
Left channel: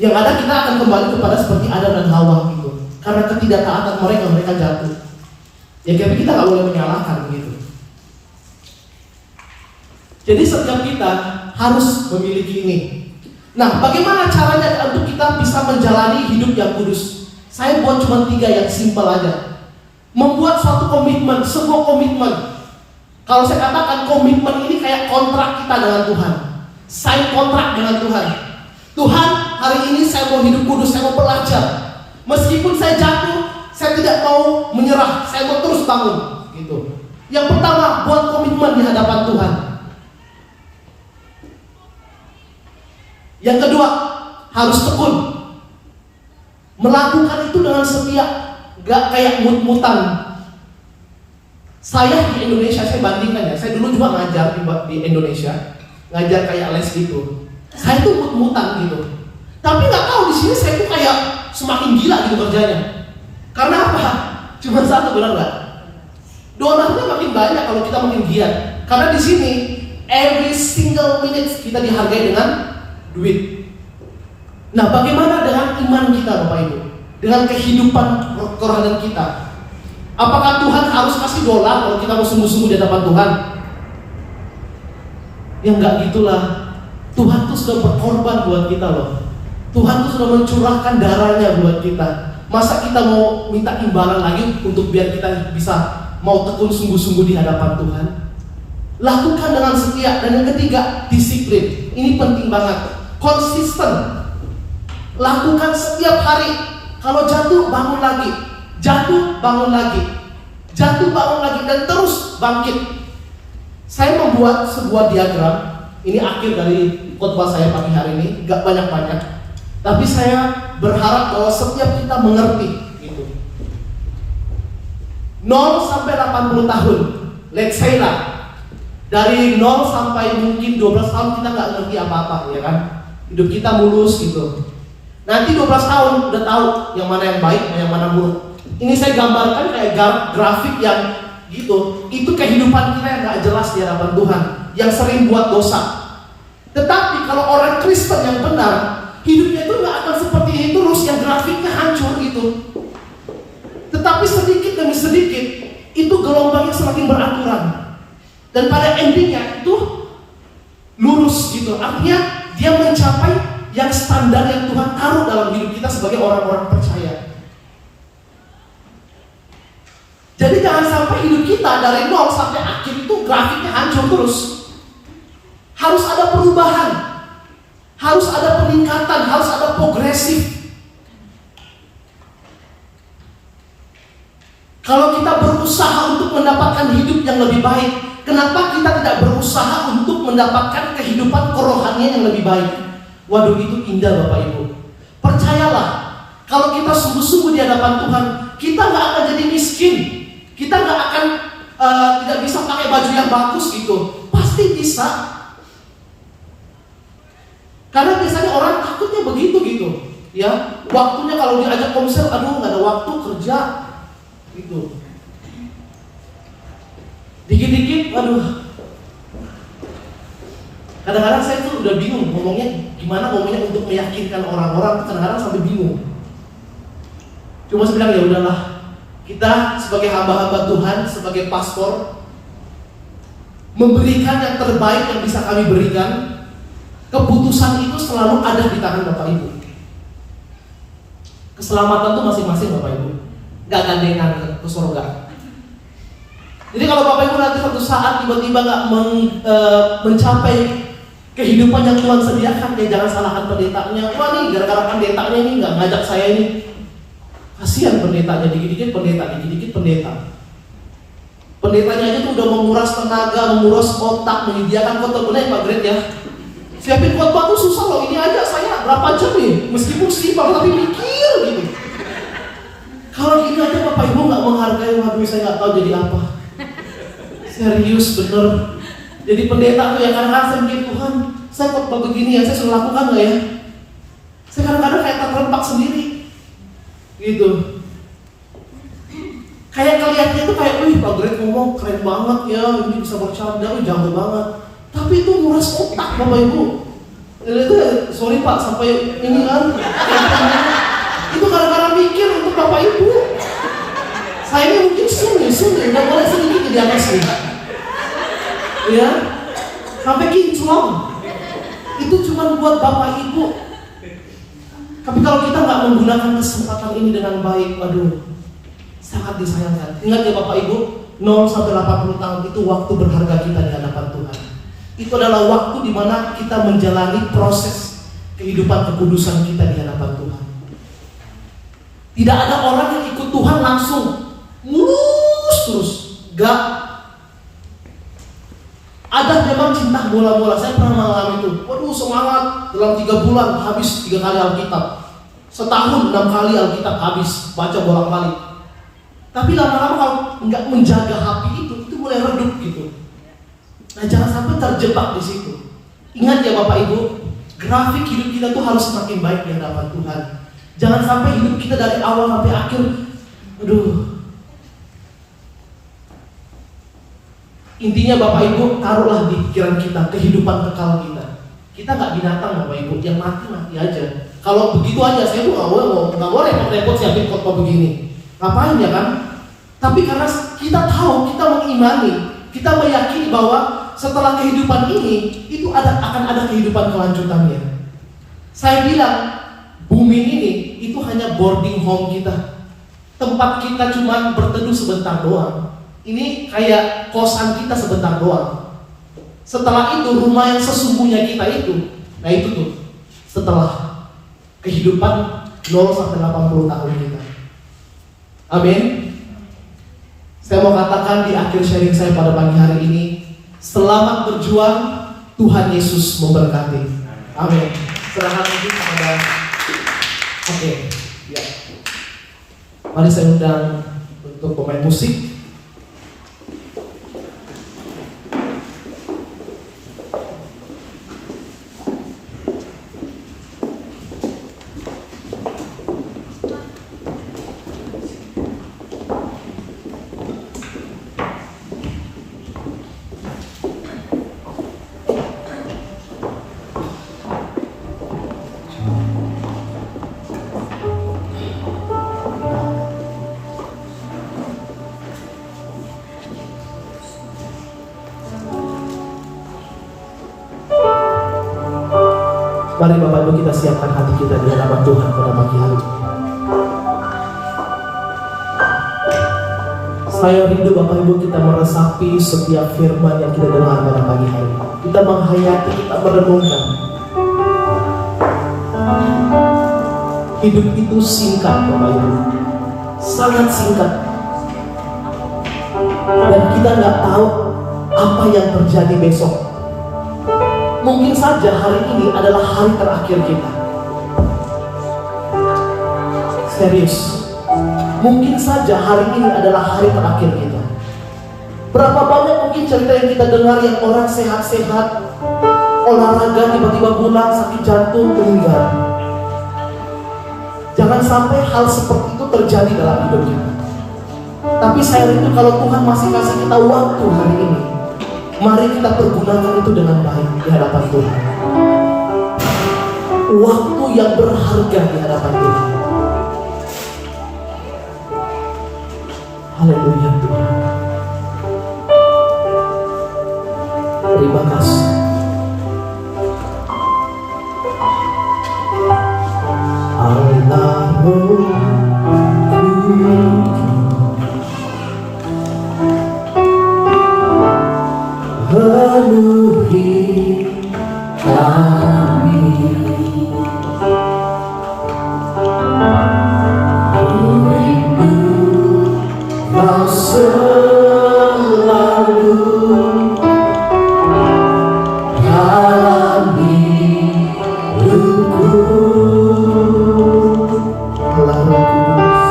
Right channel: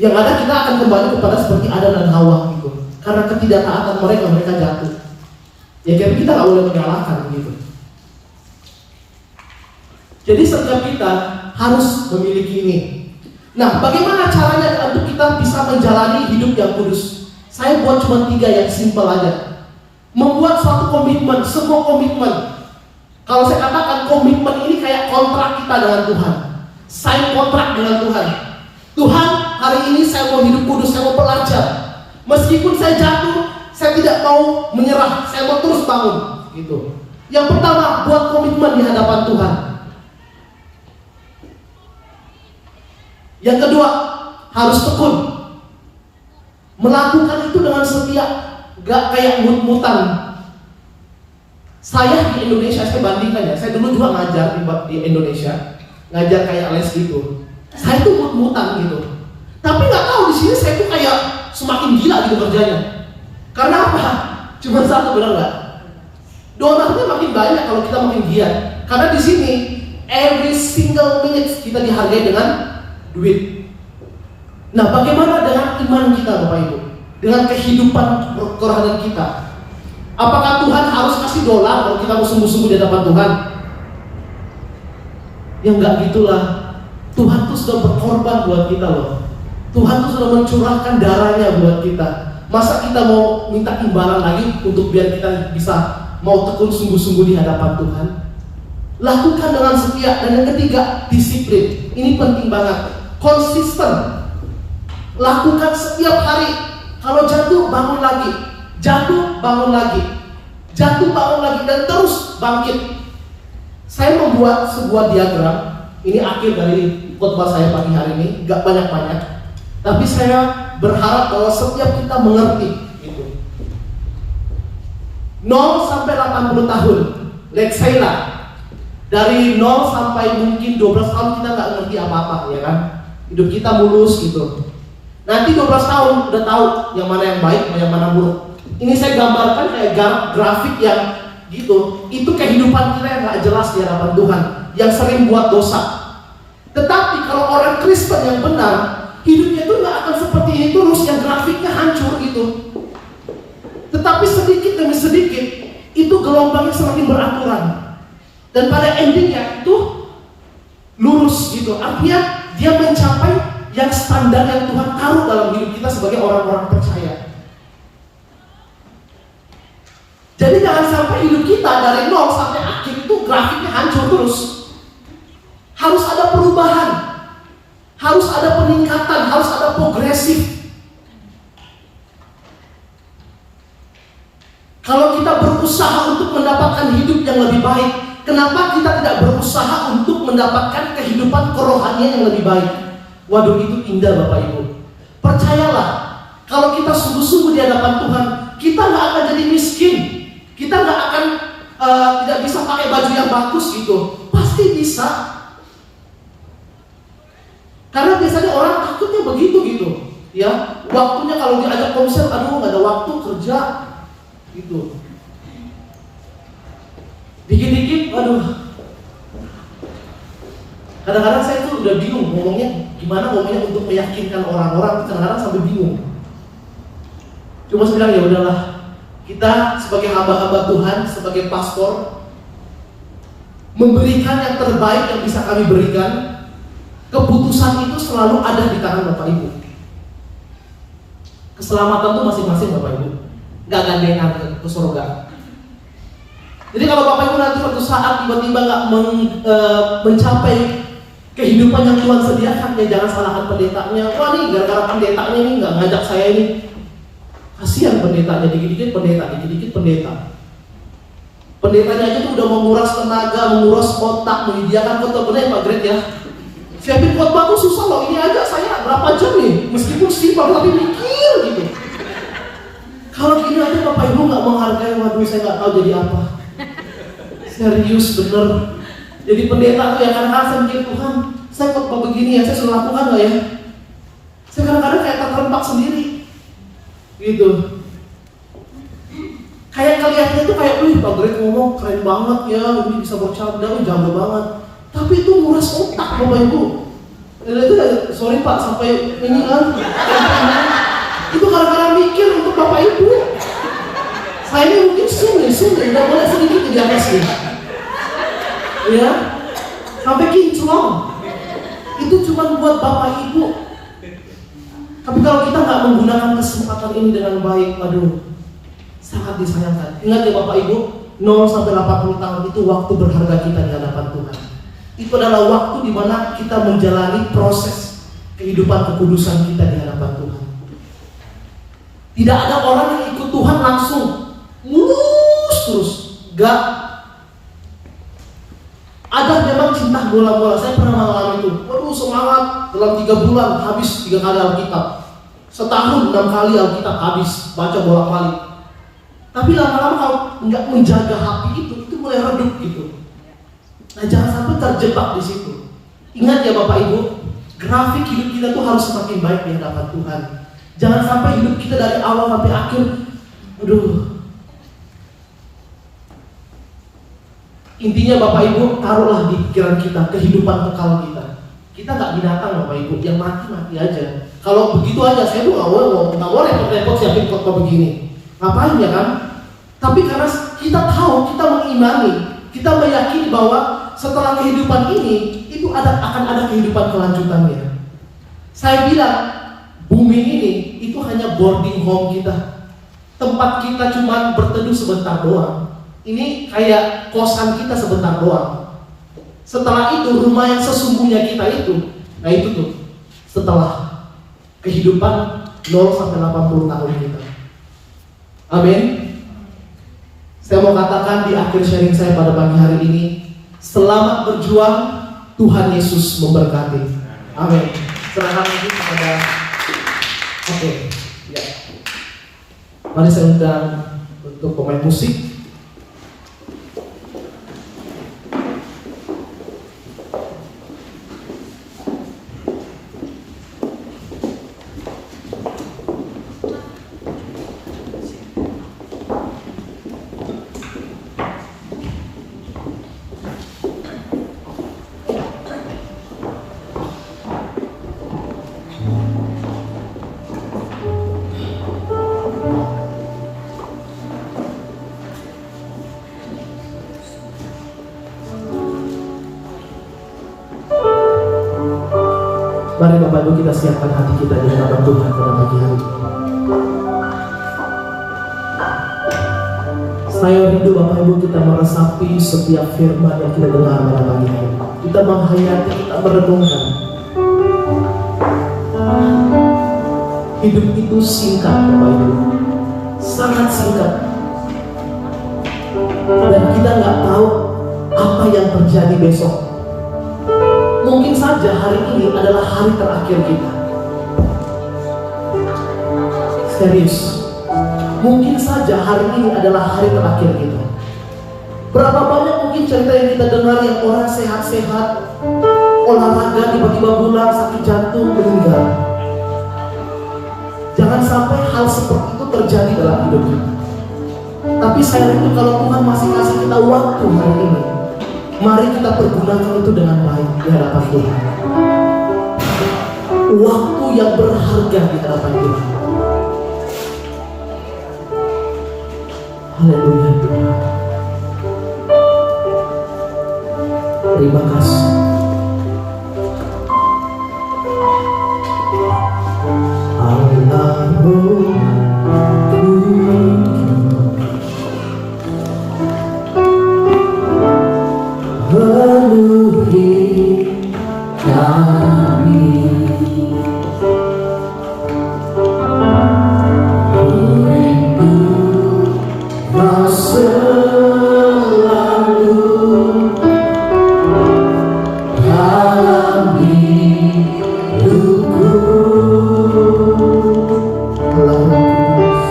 Yang ada kita akan kembali kepada seperti Adam dan Hawa gitu. Karena ketidaktaatan mereka jatuh. Ya tapi kita nggak boleh menyalahkan gitu. Jadi setiap kita harus memiliki ini. Nah, bagaimana caranya untuk kita bisa menjalani hidup yang kudus? Saya buat cuma 3 yang simpel aja. Membuat suatu komitmen, sebuah komitmen. Kalau saya katakan komitmen ini kayak kontrak kita dengan Tuhan. Sign kontrak dengan Tuhan. Tuhan, hari ini saya mau hidup kudus, saya mau belajar. Meskipun saya jatuh, saya tidak mau menyerah, saya mau terus bangun. Gitu. Yang pertama, buat komitmen di hadapan Tuhan. Yang kedua, harus tekun. Melakukan itu dengan setia, gak kayak mut-mutan. Saya di Indonesia, saya bandingkan ya. Saya dulu juga ngajar di Indonesia, ngajar kayak les gitu. Saya tuh mut-mutan gitu. Tapi nggak tahu di sini saya tuh kayak semakin gila gitu kerjanya. Karena apa? Cuma satu, benar nggak? Donornya makin banyak kalau kita makin giat. Karena di sini every single minute kita dihargai dengan duit. Nah, bagaimana dengan iman kita, Bapak Ibu? Dengan kehidupan rohani kita? Apakah Tuhan harus kasih dolar kalau kita mau sungguh-sungguh di hadapan Tuhan? Ya enggak gitulah. Tuhan tuh sudah berkorban buat kita loh. Tuhan tuh sudah mencurahkan darahnya buat kita. Masa kita mau minta imbalan lagi untuk biar kita bisa mau tekun sungguh-sungguh di hadapan Tuhan? Lakukan dengan setia. Dan yang ketiga, disiplin. Ini penting banget. Konsisten. Lakukan setiap hari. Kalau jatuh, bangun lagi. Jatuh, bangun lagi. Jatuh, bangun lagi. Dan terus bangkit. Saya membuat sebuah diagram. Ini akhir dari khotbah saya pagi hari ini. Gak banyak-banyak. Tapi saya berharap bahwa setiap kita mengerti gitu. 0 sampai 80 tahun. Let's say lah. Dari 0 sampai mungkin 12 tahun kita gak ngerti apa-apa, ya kan? Hidup kita mulus gitu. Nanti 12 tahun udah tahu yang mana yang baik, yang mana buruk. Ini saya gambarkan kayak grafik yang gitu. Itu kehidupan kita yang gak jelas di hadapan Tuhan, yang sering buat dosa. Tetapi kalau orang Kristen yang benar, hidupnya itu gak akan seperti ini terus, yang grafiknya hancur gitu. Tetapi sedikit demi sedikit, itu gelombangnya semakin beraturan. Dan pada endingnya itu lurus gitu. Artinya dia mencapai yang standar yang Tuhan taruh dalam hidup kita sebagai orang-orang percaya. Jadi jangan sampai hidup kita dari 0 sampai akhir itu grafiknya hancur terus. Harus ada perubahan, harus ada peningkatan, harus ada progresif. Kalau kita berusaha untuk mendapatkan hidup yang lebih baik, kenapa kita tidak berusaha untuk mendapatkan kehidupan kerohanian yang lebih baik? Waduh, itu indah Bapak Ibu. Percayalah, kalau kita sungguh-sungguh di hadapan Tuhan, kita gak akan jadi miskin. Kita gak akan tidak bisa pakai baju yang bagus gitu. Pasti bisa. Karena biasanya orang takutnya begitu gitu. Ya, waktunya kalau diajak komsel, aduh gak ada waktu kerja gitu. Dikit-dikit, aduh. Kadang-kadang saya tuh udah bingung ngomongnya untuk meyakinkan orang-orang, kadang-kadang sampai bingung. Cuma saya bilang ya udahlah, kita sebagai hamba-hamba Tuhan, sebagai pastor, memberikan yang terbaik yang bisa kami berikan. Keputusan itu selalu ada di tangan Bapak Ibu. Keselamatan itu masing-masing Bapak Ibu, gak gandengan ke surga. Jadi kalau Bapak Ibu nanti suatu saat tiba-tiba gak mencapai kehidupan yang Tuhan sediakan, ya jangan salahkan pendetanya. Wah nih, gara-gara pendetanya ini gak ngajak saya ini. Kasihan pendetanya, dikit-dikit pendeta, dikit-dikit pendeta. Pendetanya aja tuh udah menguras tenaga, menguras otak, menyediakan khotbah. Benar ya Pak Greg ya? Siapin khotbah tuh susah loh. Ini aja saya berapa jam nih, meskipun simpel tapi mikir gitu. Kalau gini aja Bapak Ibu gak menghargai, waduh saya gak tahu jadi apa. Serius bener. Jadi pendeta tuh yang kadang-kadang saya mikir, Tuhan, saya khotbah begini ya, saya suruh lakukan gak ya? Saya kadang-kadang kayak terlempak sendiri gitu. Kayak kelihatannya tuh kayak, wih Pak Greg ngomong keren banget ya, ini bisa bercanda, jago banget. Tapi itu nguras otak Bapak Ibu. Itu sorry Pak, sampai ini kan. Itu kadang-kadang mikir untuk Bapak Ibu. Saya mungkin sini Yesus udah boleh sedikit di atas nih. Ya, sampai kinclong. Itu cuma buat Bapak Ibu. Tapi kalau kita nggak menggunakan kesempatan ini dengan baik, aduh, sangat disayangkan. Ingat ya Bapak Ibu, 0 sampai 80 tahun itu waktu berharga kita di hadapan Tuhan. Itu adalah waktu di mana kita menjalani proses kehidupan kekudusan kita di hadapan Tuhan. Tidak ada orang yang ikut Tuhan langsung mulus terus, gak. Ada memang cinta bola-bola. Saya pernah mengalami itu. Waduh, semangat dalam 3 bulan habis 3 kali Alkitab. Setahun 6 kali Alkitab habis, baca bolak-balik. Tapi lama-lama kalau nggak menjaga hati itu mulai redup gitu. Nah, jangan sampai terjebak di situ. Ingat ya Bapak Ibu, grafik hidup kita tuh harus semakin baik di hadapan Tuhan. Jangan sampai hidup kita dari awal sampai akhir, aduh. Intinya Bapak Ibu, taruhlah di pikiran kita kehidupan kekal kita. Kita nggak binatang Bapak Ibu, yang mati aja. Kalau begitu aja, saya tuh nggak boleh repot-repot siapin khotbah begini. Ngapain ya kan? Tapi karena kita tahu, kita mengimani, kita meyakini bahwa setelah kehidupan ini, itu akan ada kehidupan kelanjutannya. Saya bilang, bumi ini itu hanya boarding home kita. Tempat kita cuma berteduh sebentar doang. Ini kayak kosan kita sebentar doang. Setelah itu rumah yang sesungguhnya kita itu, nah itu tuh setelah kehidupan 0 sampai 80 tahun kita. Amin. Saya mau katakan di akhir sharing saya pada pagi hari ini, selamat berjuang, Tuhan Yesus memberkati. Amin. Serahkan lagi kepada ya. Mari saya undang untuk pemain musik. Mari Bapak Ibu kita siapkan hati kita di hadapan Tuhan pada pagi hari ini. Saya rindu Bapak Ibu kita meresapi setiap firman yang kita dengar pada pagi hari ini. Kita menghayati, kita merenungkan. Hidup itu singkat Bapak Ibu, sangat singkat. Dan kita nggak tahu apa yang terjadi besok. Mungkin saja hari ini adalah hari terakhir kita. Serius. Mungkin saja hari ini adalah hari terakhir kita. Berapa banyak mungkin cerita yang kita dengar yang orang sehat-sehat, olahraga tiba-tiba pulang sakit jantung meninggal. Jangan sampai hal seperti itu terjadi dalam hidup kita. Tapi saya rindu kalau Tuhan masih kasih kita waktu hari ini, mari kita pergunakan itu dengan baik di hadapan Tuhan. Waktu yang berharga di hadapan Tuhan. Haleluya Tuhan. Terima kasih. Penuhi kami, rindu Kau selalu dalam hidupku. Allah Kudus,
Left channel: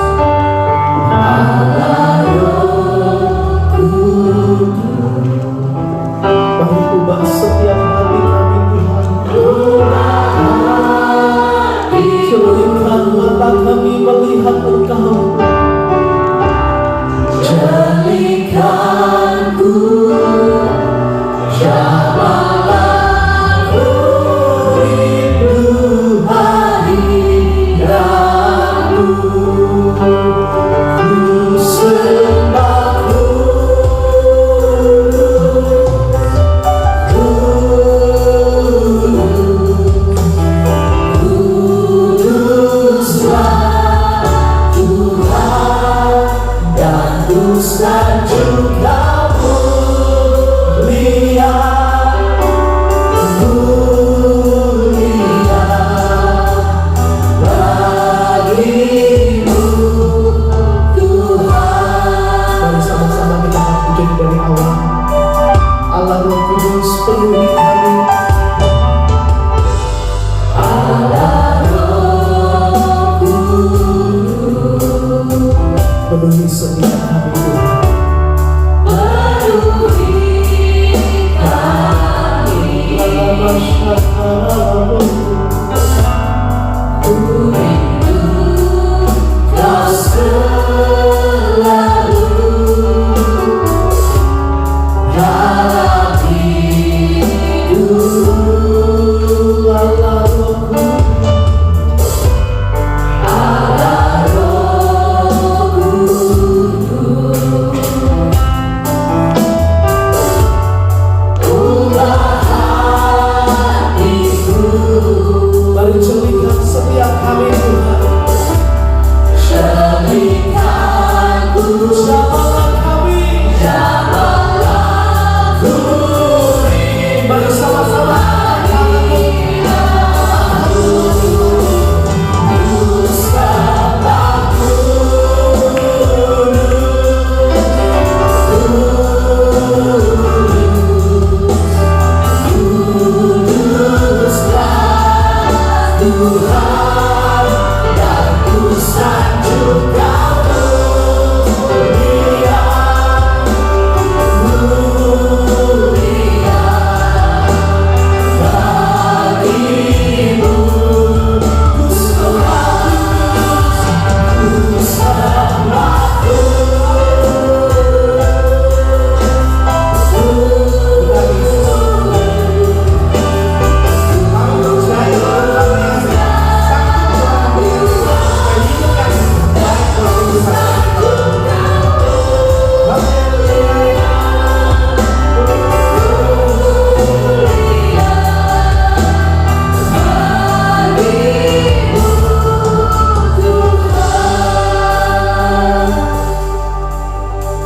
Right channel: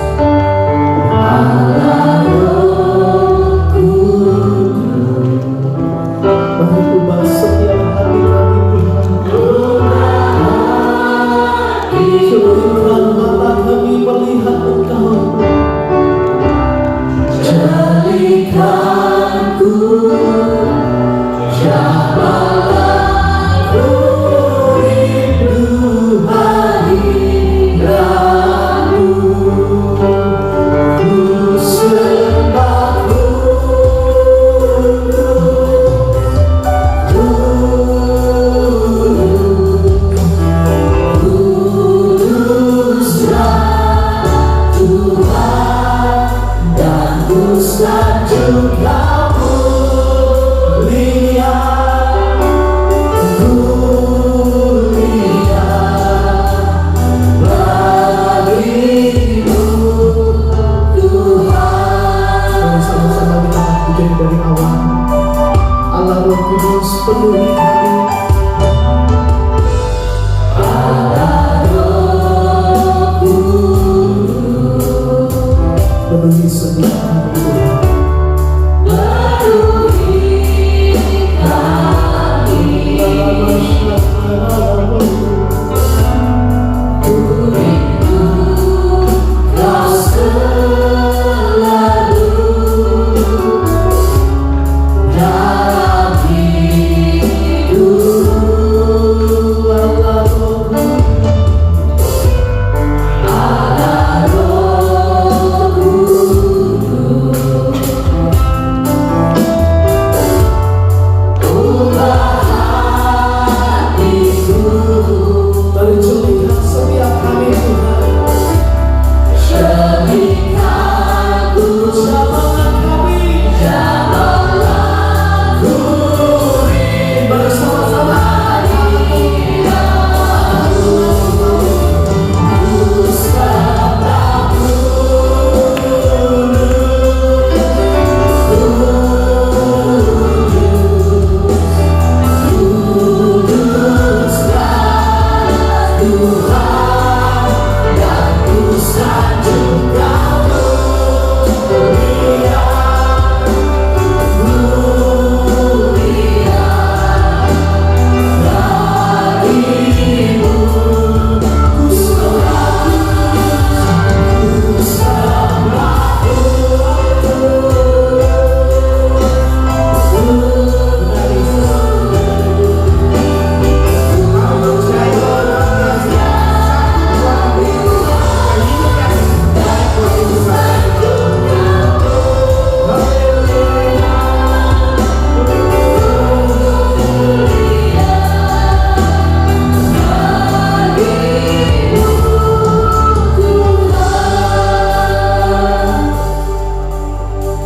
mari ubah setiap hari kami Tuhan. Jadikan mata kami melihat Engkau. Jadikanku jamalanku, rindu hadiratmu. Ku sembah, ku Roh Kudus penuhi kami. Penuhi setiap kami Tuhan.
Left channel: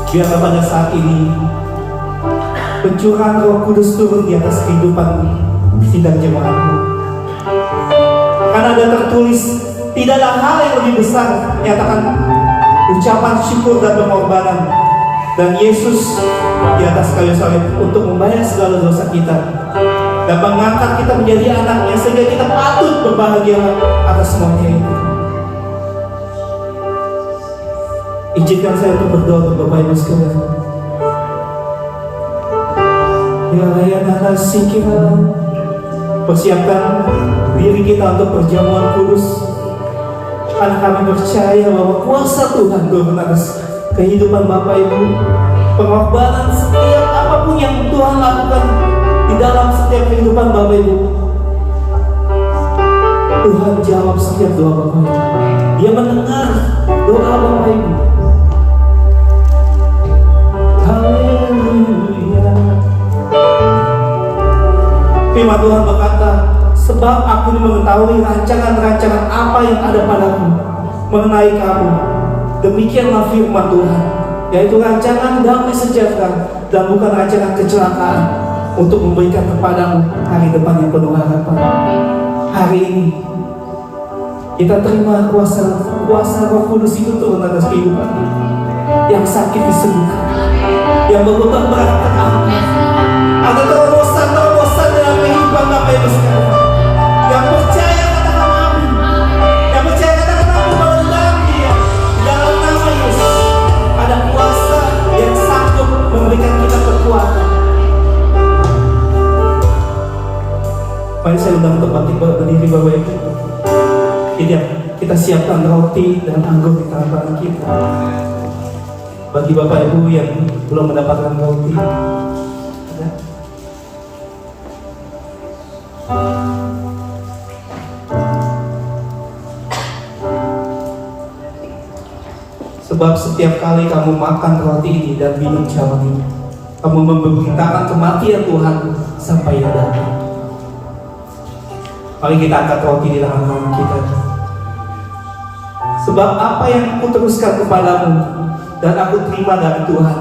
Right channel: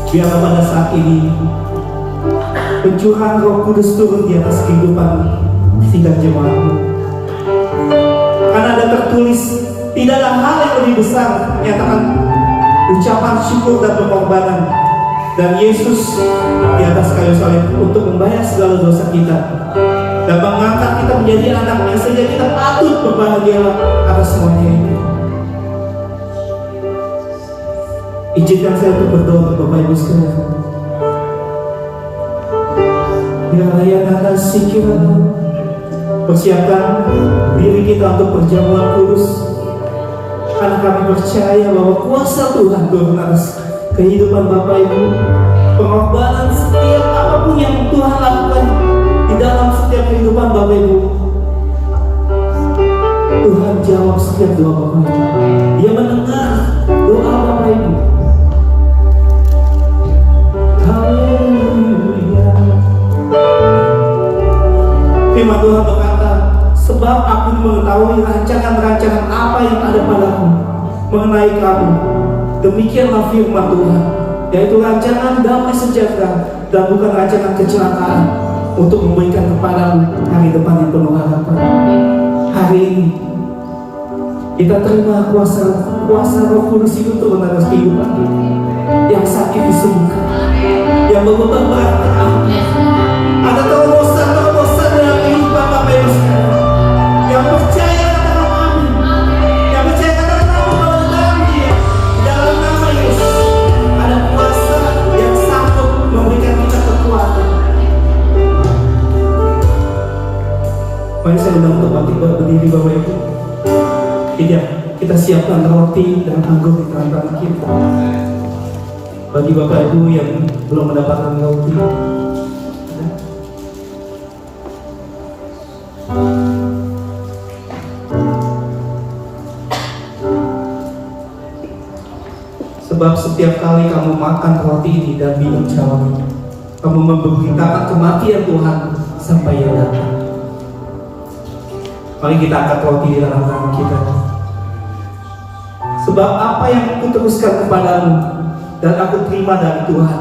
Biarlah pada saat ini pencurahan Roh Kudus turun di atas kehidupan sidang jemaat. Karena ada tertulis, tidak ada hal yang lebih besar menyatakan ucapan syukur dan pengorbanan. Dan Yesus di atas kayu salib untuk membayar segala dosa kita dan mengangkat kita menjadi anaknya, sehingga kita patut berbahagia atas semuanya ini. Izinkan saya untuk berdoa untuk Bapak Ibu sekalian. Ya Layana Sikira, persiapkan diri kita untuk perjamuan kudus, karena kami percaya bahwa kuasa Tuhan turun atas kehidupan Bapak Ibu. Pengorbanan setiap apapun yang Tuhan lakukan di dalam setiap kehidupan Bapak Ibu, Tuhan jawab setiap doa Bapak Ibu. Dia mendengar doa Bapak Ibu. Haleluya. Firman Tuhan berkata, sebab aku mengetahui rancangan-rancangan apa yang ada padaku mengenai kamu. Demikianlah firman Tuhan, yaitu rancangan damai sejahtera dan bukan rancangan kecelakaan, untuk memberikan kepadamu hari depan yang penuh harapan. Hari ini kita terima kuasa Roh Kudus itu turun atas kehidupan kita. Yang sakit disembuhkan, yang berhutang berat ada terobosan dalam kehidupan Bapak Ibu sekalian. Yang percaya katakan amin. Yang percaya katakan amin bahwa dalam Dia, dalam nama Yesus ada kuasa yang sanggup memberikan kita kekuatan. Mari saya undang untuk bangkit berdiri Bapak Ibu. Kita siapkan roti dan anggur di tangan kita. Bagi Bapak Ibu yang belum mendapatkan roti, ya. Sebab setiap kali kamu makan roti ini dan minum cawan ini, kamu memberitakan kematian Tuhan sampai Ia datang. Mari kita angkat roti di tangan kita. Sebab apa yang aku teruskan kepadamu dan aku terima dari Tuhan,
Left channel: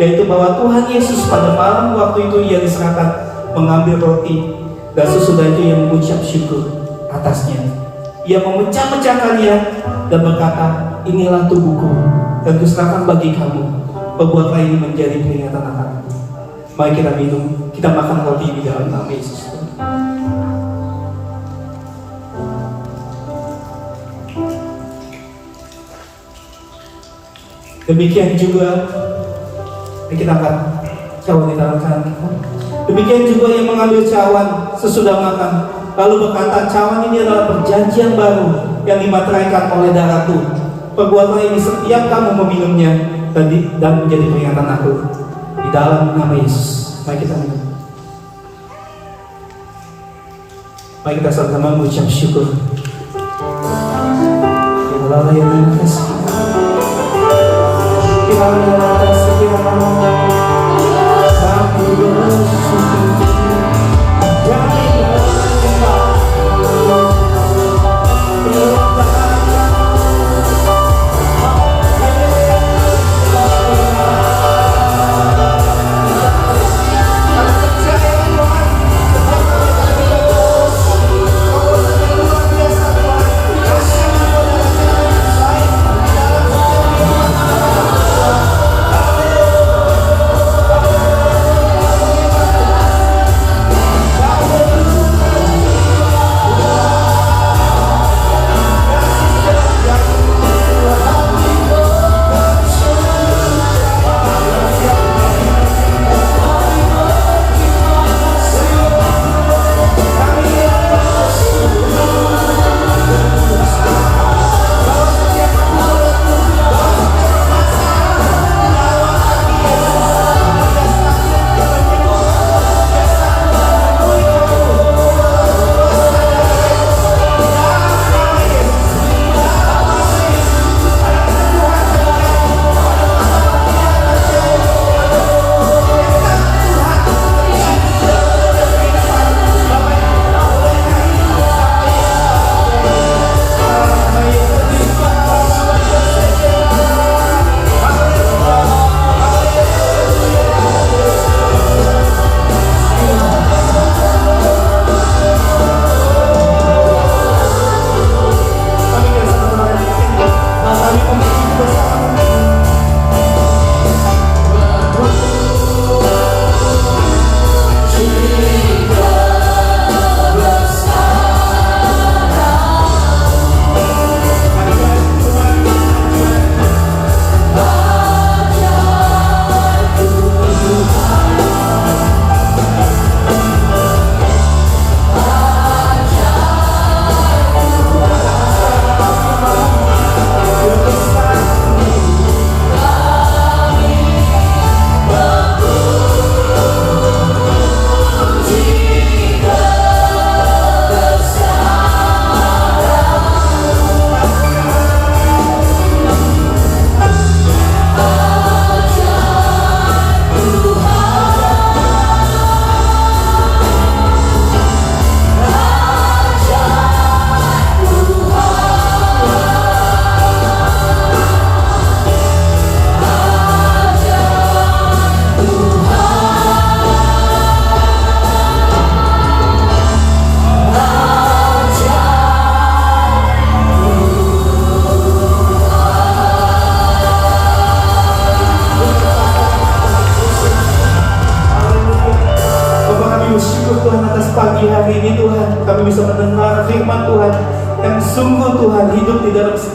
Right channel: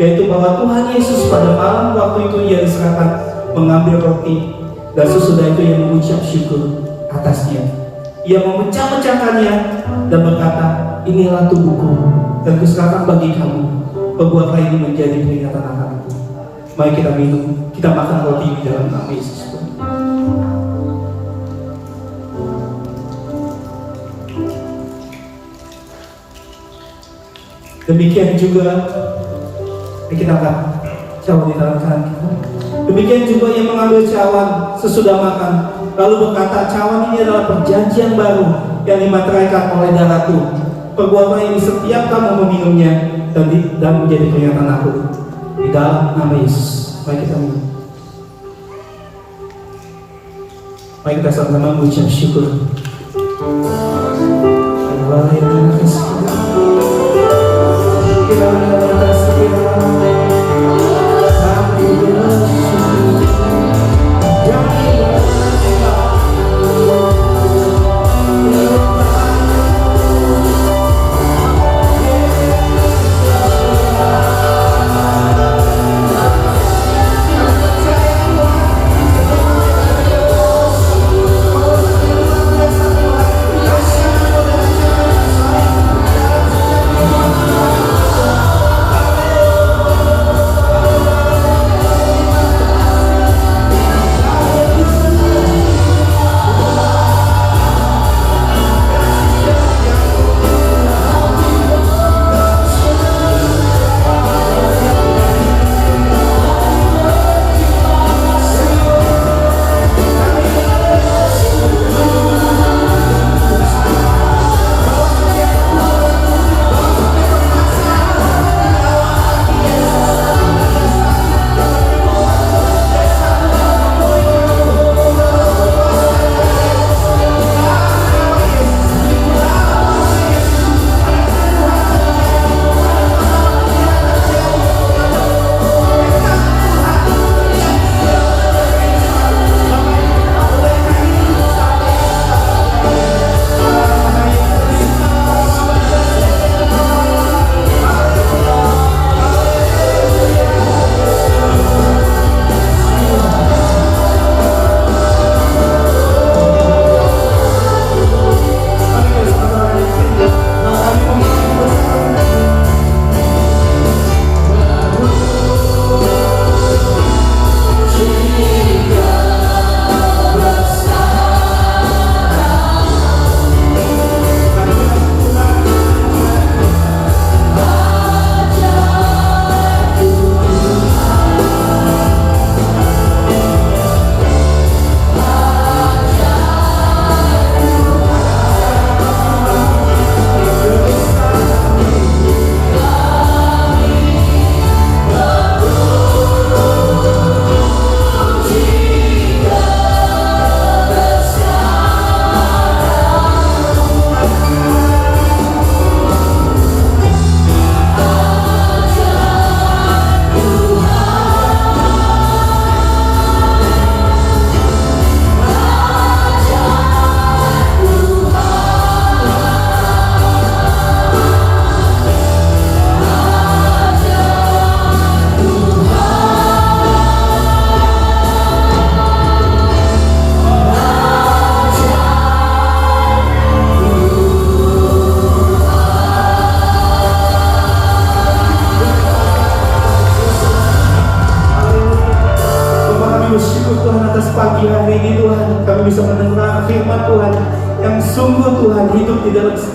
yaitu bahwa Tuhan Yesus pada malam waktu itu Ia diserahkan mengambil roti, dan sesudah itu Ia mengucap syukur atasnya. Ia memecah-mecahkannya dan berkata, inilah tubuhku dan kuserahkan bagi kamu. Perbuatlah ini menjadi peringatan akan aku. Mari kita minum, kita makan roti di dalam nama Yesus. Demikian juga kita akan cawan di tangan kanan kita. Demikian juga yang mengambil cawan sesudah makan, lalu berkata, cawan ini adalah perjanjian baru yang dimateraikan oleh darahku. Perbuatlah ini setiap kamu meminumnya dan menjadi peringatan aku. Di dalam nama Yesus. Mari kita minum. Mari kita sama-sama mengucap syukur. Allah yang terima kasih.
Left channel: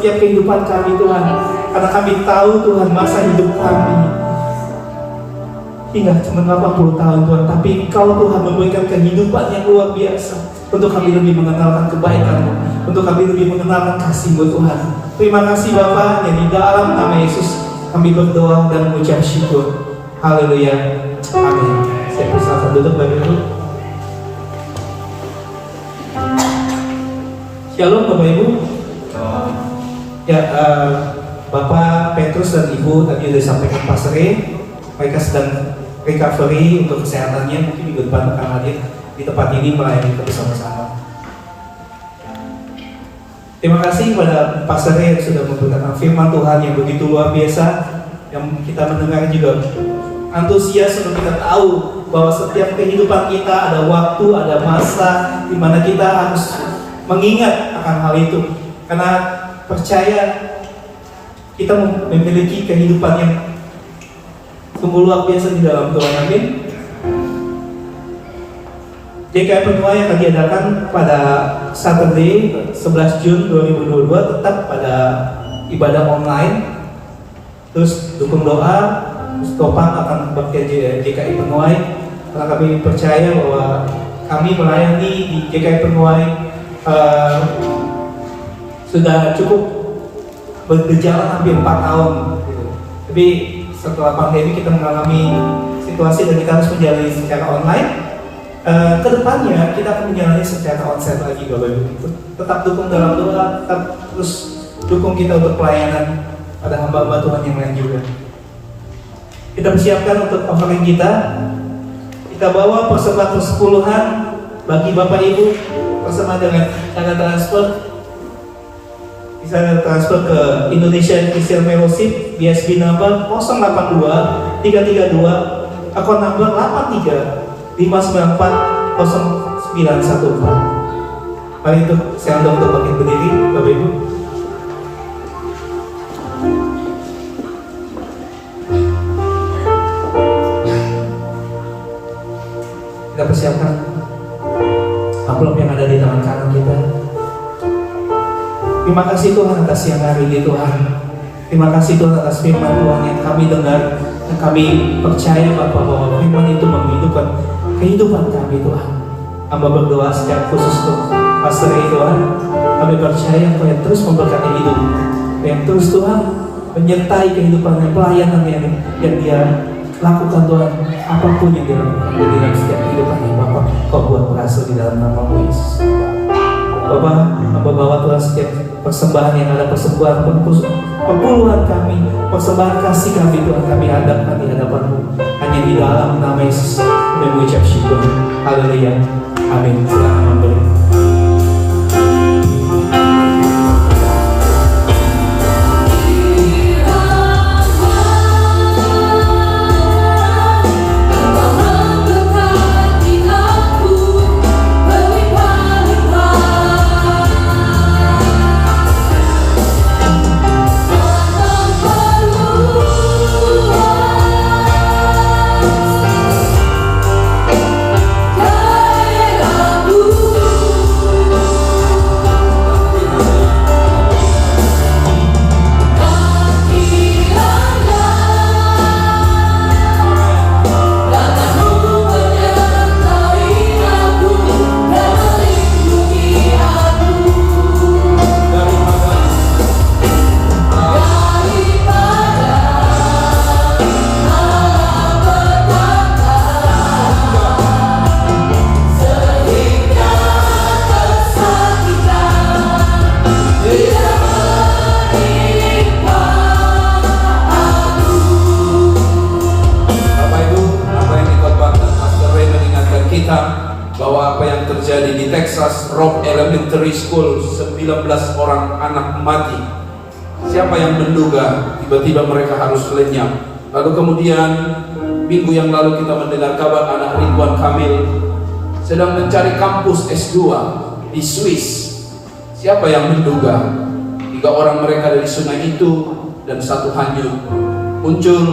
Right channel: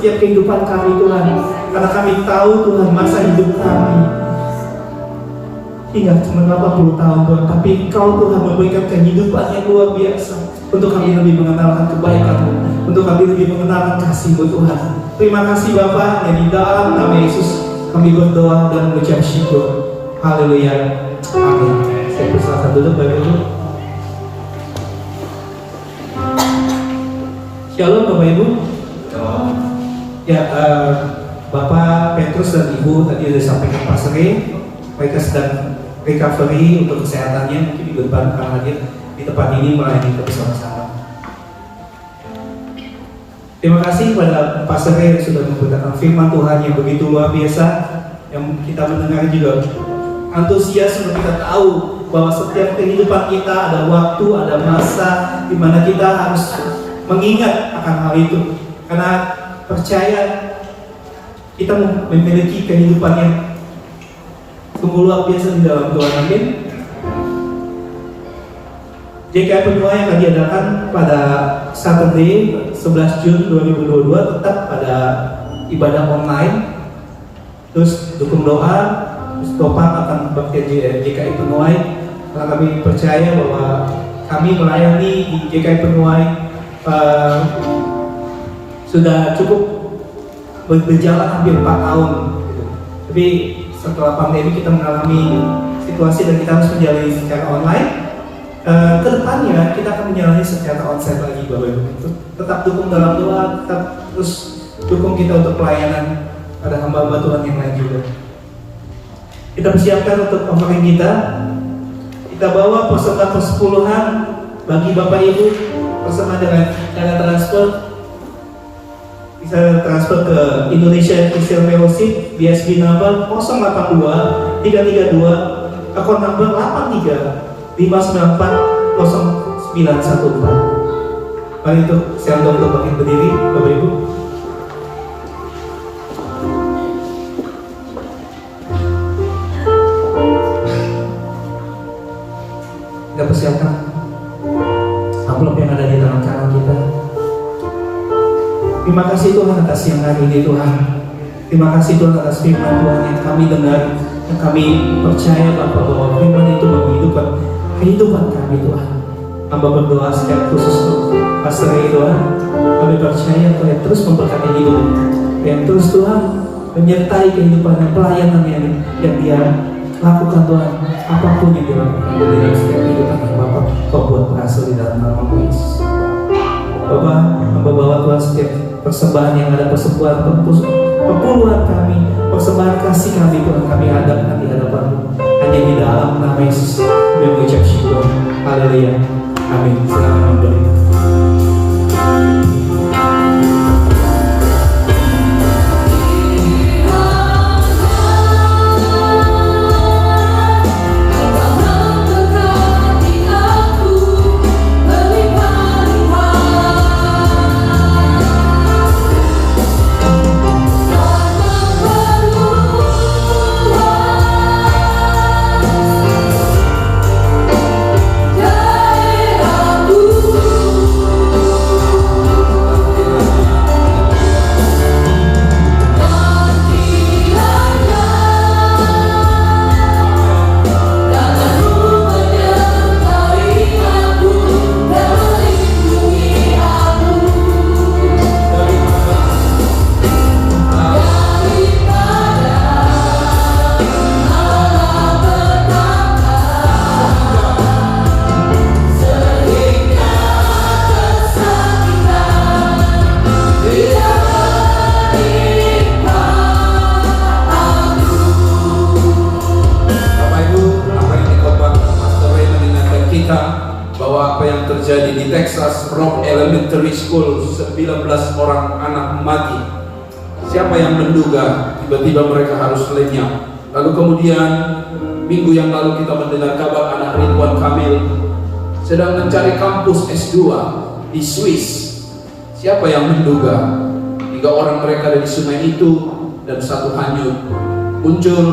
Setiap kehidupan kami Tuhan, karena kami tahu Tuhan masa hidup kami hingga cuma 80 tahun Tuhan, tapi Engkau Tuhan memberikan kehidupan yang luar biasa untuk kami lebih mengenalkan kebaikan-Mu, untuk kami lebih mengenalkan kasih-Mu Tuhan. Terima kasih Bapa, yang di dalam nama Yesus kami berdoa dan mengucap syukur. Haleluya, amin. Saya persilakan dulu Bapak Ibu. Shalom Bapak Ibu. Ya, Bapak Petrus dan Ibu tadi sudah disampaikan Pak Seri, mereka sedang recovery untuk kesehatannya, mungkin minggu depan akan hadir di tempat ini melayani kita bersama-sama. Terima kasih kepada Pak Seri yang sudah memberitakan firman Tuhan yang begitu luar biasa, yang kita mendengar juga antusias untuk kita tahu bahwa setiap kehidupan kita ada waktu, ada masa di mana kita harus mengingat akan hal itu, karena percaya kita memiliki kehidupan yang sungguh luar biasa di dalam Tuhan. Amin. JKI Penuai akan diadakan pada Saturday 11 Jun 2022 tetap pada ibadah online. Terus dukung doa, terus topang akan bekerja JKI Penuai karena kami percaya bahwa kami melayani di JKI Penuai sudah cukup berjalan hampir 4 tahun gitu. Tapi setelah pandemi kita mengalami situasi dan kita harus menjalani secara online. Kedepannya kita akan menjalani secara onsite lagi Bapak Ibu. Tetap dukung dalam doa, tetap terus dukung kita untuk pelayanan pada hamba-hamba Tuhan yang lain juga. Kita persiapkan untuk offering kita. Kita bawa persembahan persepuluhan bagi Bapak Ibu, persembahan dengan cara transfer. Bisa transfer ke Indonesia Christian Fellowship, BSB number 082 332, akun number 83 594 0914. Mari itu saya undang untuk bangkit berdiri, Bapak Ibu. Kita persiapkan amplop yang ada di tangan kanan kita. Terima kasih Tuhan atas siang hari ini Tuhan. Terima kasih Tuhan atas firman Tuhan yang kami dengar, yang kami percaya bahwa firman itu menghidupkan kehidupan kami Tuhan. Hamba berdoa secara khusus untuk Pastor Ray Tuhan. Kami percaya Tuhan terus memberkati hidup, yang terus Tuhan menyertai kehidupan yang pelayanan yang dia lakukan Tuhan. Apapun yang dilakukan di dalam setiap kehidupan yang Bapak Kau buat berhasil di dalam nama Yesus. Bapak, hamba bawa Tuhan setiap persembahan yang ada, persembahan perpuluhan kami, persembahan kasih kami Tuhan, kami hadapkan di hadapan-Mu. Hanya di dalam nama Yesus kami mengucap syukur. Haleluya. Amin. Silakan memberi. Elementary School 19 orang anak mati. Siapa yang menduga tiba-tiba mereka harus lenyap? Lalu kemudian minggu yang lalu kita mendengar kabar anak Ridwan Kamil sedang mencari kampus S2 di Swiss. Siapa yang menduga 3 orang mereka dari sungai itu dan 1 hanyut? Muncul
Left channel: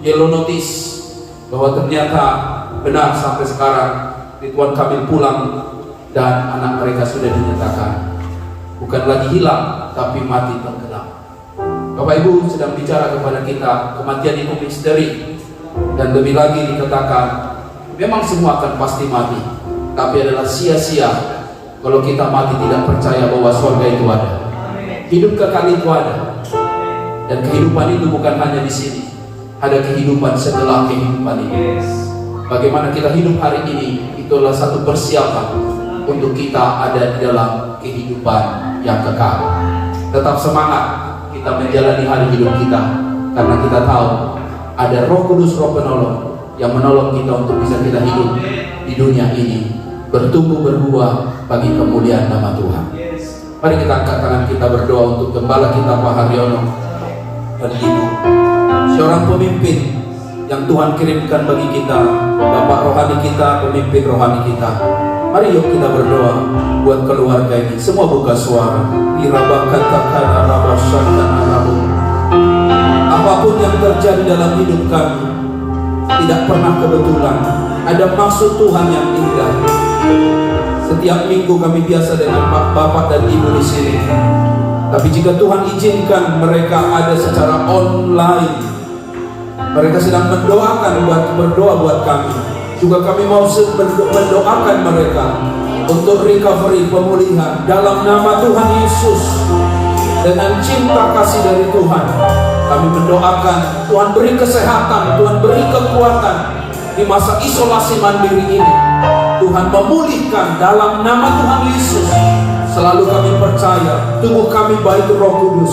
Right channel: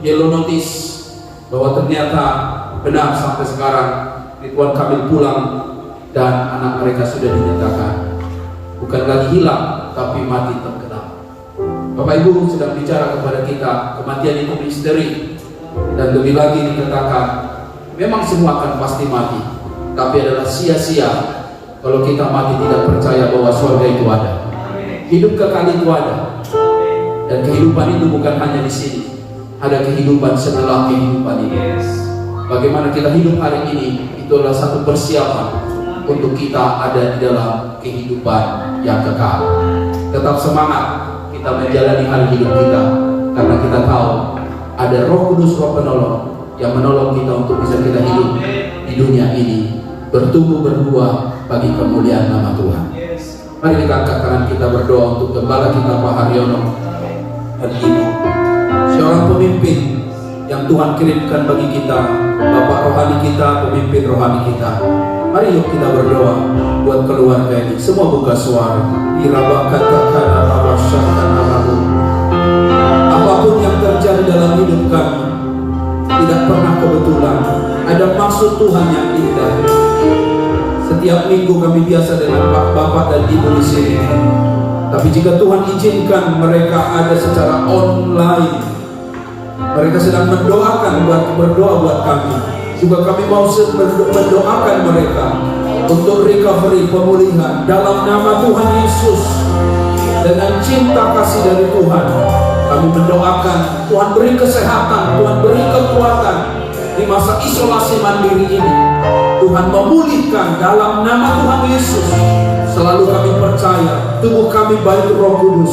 yellow notice bahwa ternyata benar sampai sekarang Ridwan Kamil pulang dan anak mereka sudah dinyatakan bukan lagi hilang tapi mati tenggelam. Bapak Ibu sedang bicara kepada kita, kematian itu misteri, dan lebih lagi dikatakan memang semua akan pasti mati, tapi adalah sia-sia kalau kita mati tidak percaya bahwa surga itu ada, hidup kekal itu ada, dan kehidupan itu bukan hanya di sini, ada kehidupan setelah kehidupan ini. Bagaimana kita hidup hari ini itulah satu persiapan untuk kita ada di dalam kehidupan yang kekal. Tetap semangat kita menjalani hari hidup kita, karena kita tahu ada Roh Kudus, Roh Penolong yang menolong kita untuk bisa kita hidup di dunia ini, bertumbuh berbuah bagi kemuliaan nama Tuhan. Mari kita angkat tangan kita berdoa untuk gembala kita Pak Haryono dan Ibu, seorang pemimpin yang Tuhan kirimkan bagi kita, Bapak rohani kita, pemimpin rohani kita. Mari yuk kita berdoa buat keluarga ini. Semua buka suara. Apapun yang terjadi dalam hidup kami tidak pernah kebetulan. Ada maksud Tuhan yang indah. Setiap minggu kami biasa dengan Bapak dan Ibu di sini. Tapi jika Tuhan izinkan mereka ada secara online, mereka sedang berdoa buat kami. Juga kami mau mendoakan mereka untuk recovery, pemulihan dalam nama Tuhan Yesus. Dengan cinta kasih dari Tuhan, kami mendoakan Tuhan beri kesehatan, Tuhan beri kekuatan di masa isolasi mandiri ini. Tuhan memulihkan dalam nama Tuhan Yesus. Selalu kami percaya tubuh kami baik Roh Kudus,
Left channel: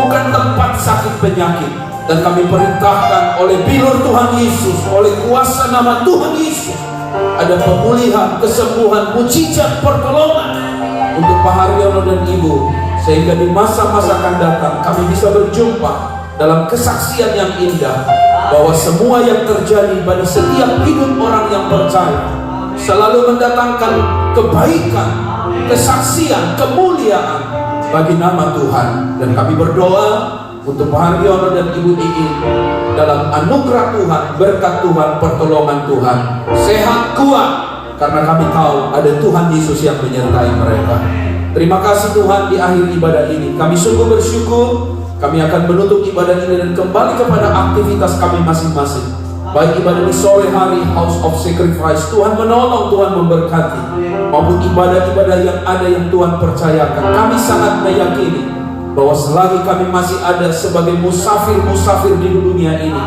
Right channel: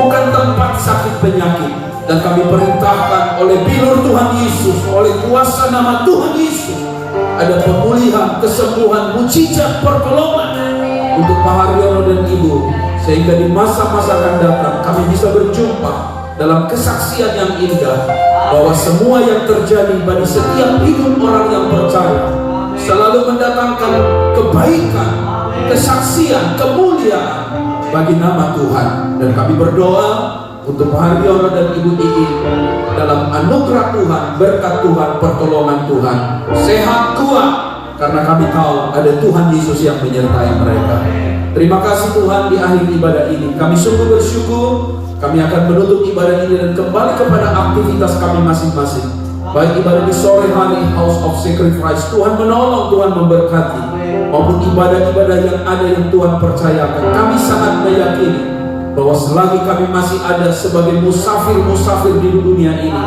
bukan tempat sakit penyakit. Dan kami perintahkan oleh bilur Tuhan Yesus, oleh kuasa nama Tuhan Yesus, ada pemulihan, kesembuhan, mujizat, pertolongan untuk Pak Haryono dan Ibu, sehingga di masa-masa akan datang kami bisa berjumpa dalam kesaksian yang indah, bahwa semua yang terjadi pada setiap hidup orang yang percaya selalu mendatangkan kebaikan, kesaksian, kemuliaan bagi nama Tuhan. Dan kami berdoa untuk Pak Haryono dan Ibu Iin dalam anugerah Tuhan, berkat Tuhan, pertolongan Tuhan, sehat kuat, karena kami tahu ada Tuhan Yesus yang menyertai mereka. Terima kasih Tuhan, di akhir ibadah ini kami sungguh bersyukur. Kami akan menutup ibadah ini dan kembali kepada aktivitas kami masing-masing. Baik ibadah di sore hari House of Sacrifice, Tuhan menolong, Tuhan memberkati, maupun ibadah-ibadah yang ada yang Tuhan percayakan. Kami sangat meyakini bahwa selagi kami masih ada sebagai musafir-musafir di dunia ini,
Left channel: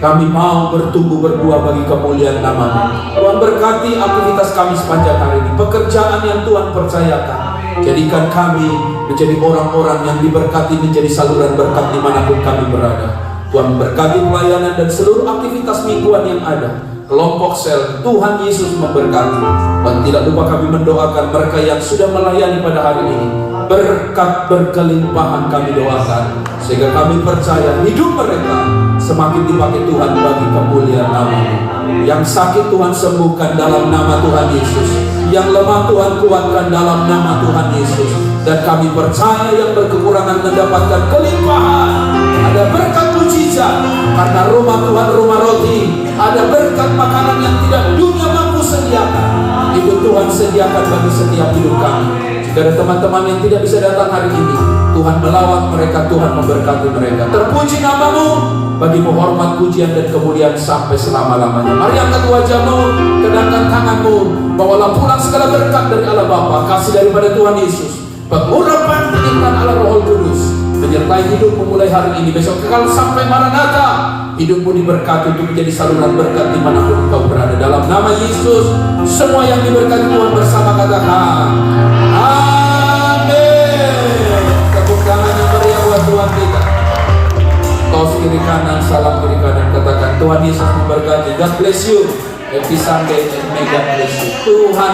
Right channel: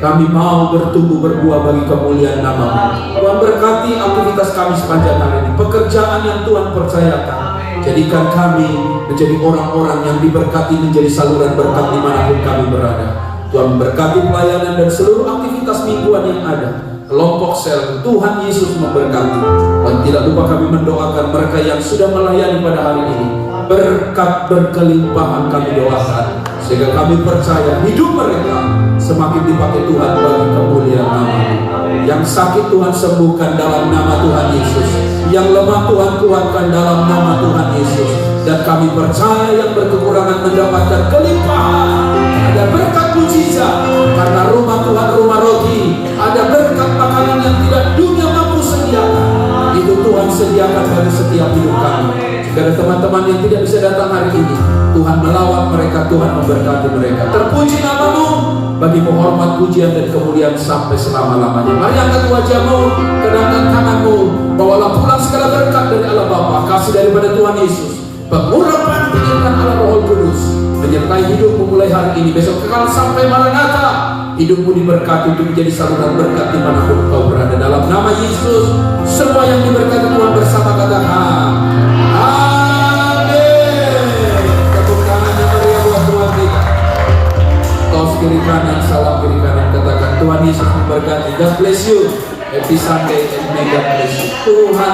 kami mau bertumbuh berbuah bagi kemuliaan nama-Mu. Tuhan berkati aktivitas kami sepanjang hari ini, pekerjaan yang Tuhan percayakan. Jadikan kami menjadi orang-orang yang diberkati, menjadi saluran berkat dimanapun kami berada. Tuhan berkati pelayanan dan seluruh aktivitas mingguan yang ada. Kelompok sel, Tuhan Yesus memberkati. Dan tidak lupa kami mendoakan mereka yang sudah melayani pada hari ini. Berkat berkelimpahan kami doakan, sehingga kami percaya hidup mereka semakin dipakai Tuhan bagi kemuliaan nama-Mu. Yang sakit Tuhan sembuhkan dalam nama Tuhan Yesus, yang lemah Tuhan kuatkan dalam nama Tuhan Yesus. Dan kami percaya yang berkekurangan mendapatkan kelimpahan. Ada berkat mujizat, karena rumah Tuhan rumah roti. Ada berkat makanan yang tidak dunia mampu sediakan, itu Tuhan sediakan bagi setiap hidup kami. Jika ada teman-teman yang tidak bisa datang hari ini, Tuhan melawat mereka, Tuhan memberkati mereka. Terpuji nama-Mu, bagi-Mu hormat, pujian dan kemuliaan sampai selama-lamanya. Mari angkat wajah-Mu, kedangkan tangan-Mu, bawalah pulang segala berkat dari Allah Bapa, kasih daripada Tuhan Yesus, pengurapan penyertaan Allah Roh Kudus, menyertai hidupmu mulai hari ini, besok kekal sampai Maranatha. Hidupmu diberkati untuk menjadi saluran berkat dimanapun kau berada. Dalam nama Yesus, semua yang diberkati Tuhan bersama katakan kiri kanan, salam kiri kanan, katakan Tuhan Yesus memberkati. God bless you. Happy Sunday and may God bless you. Tuhan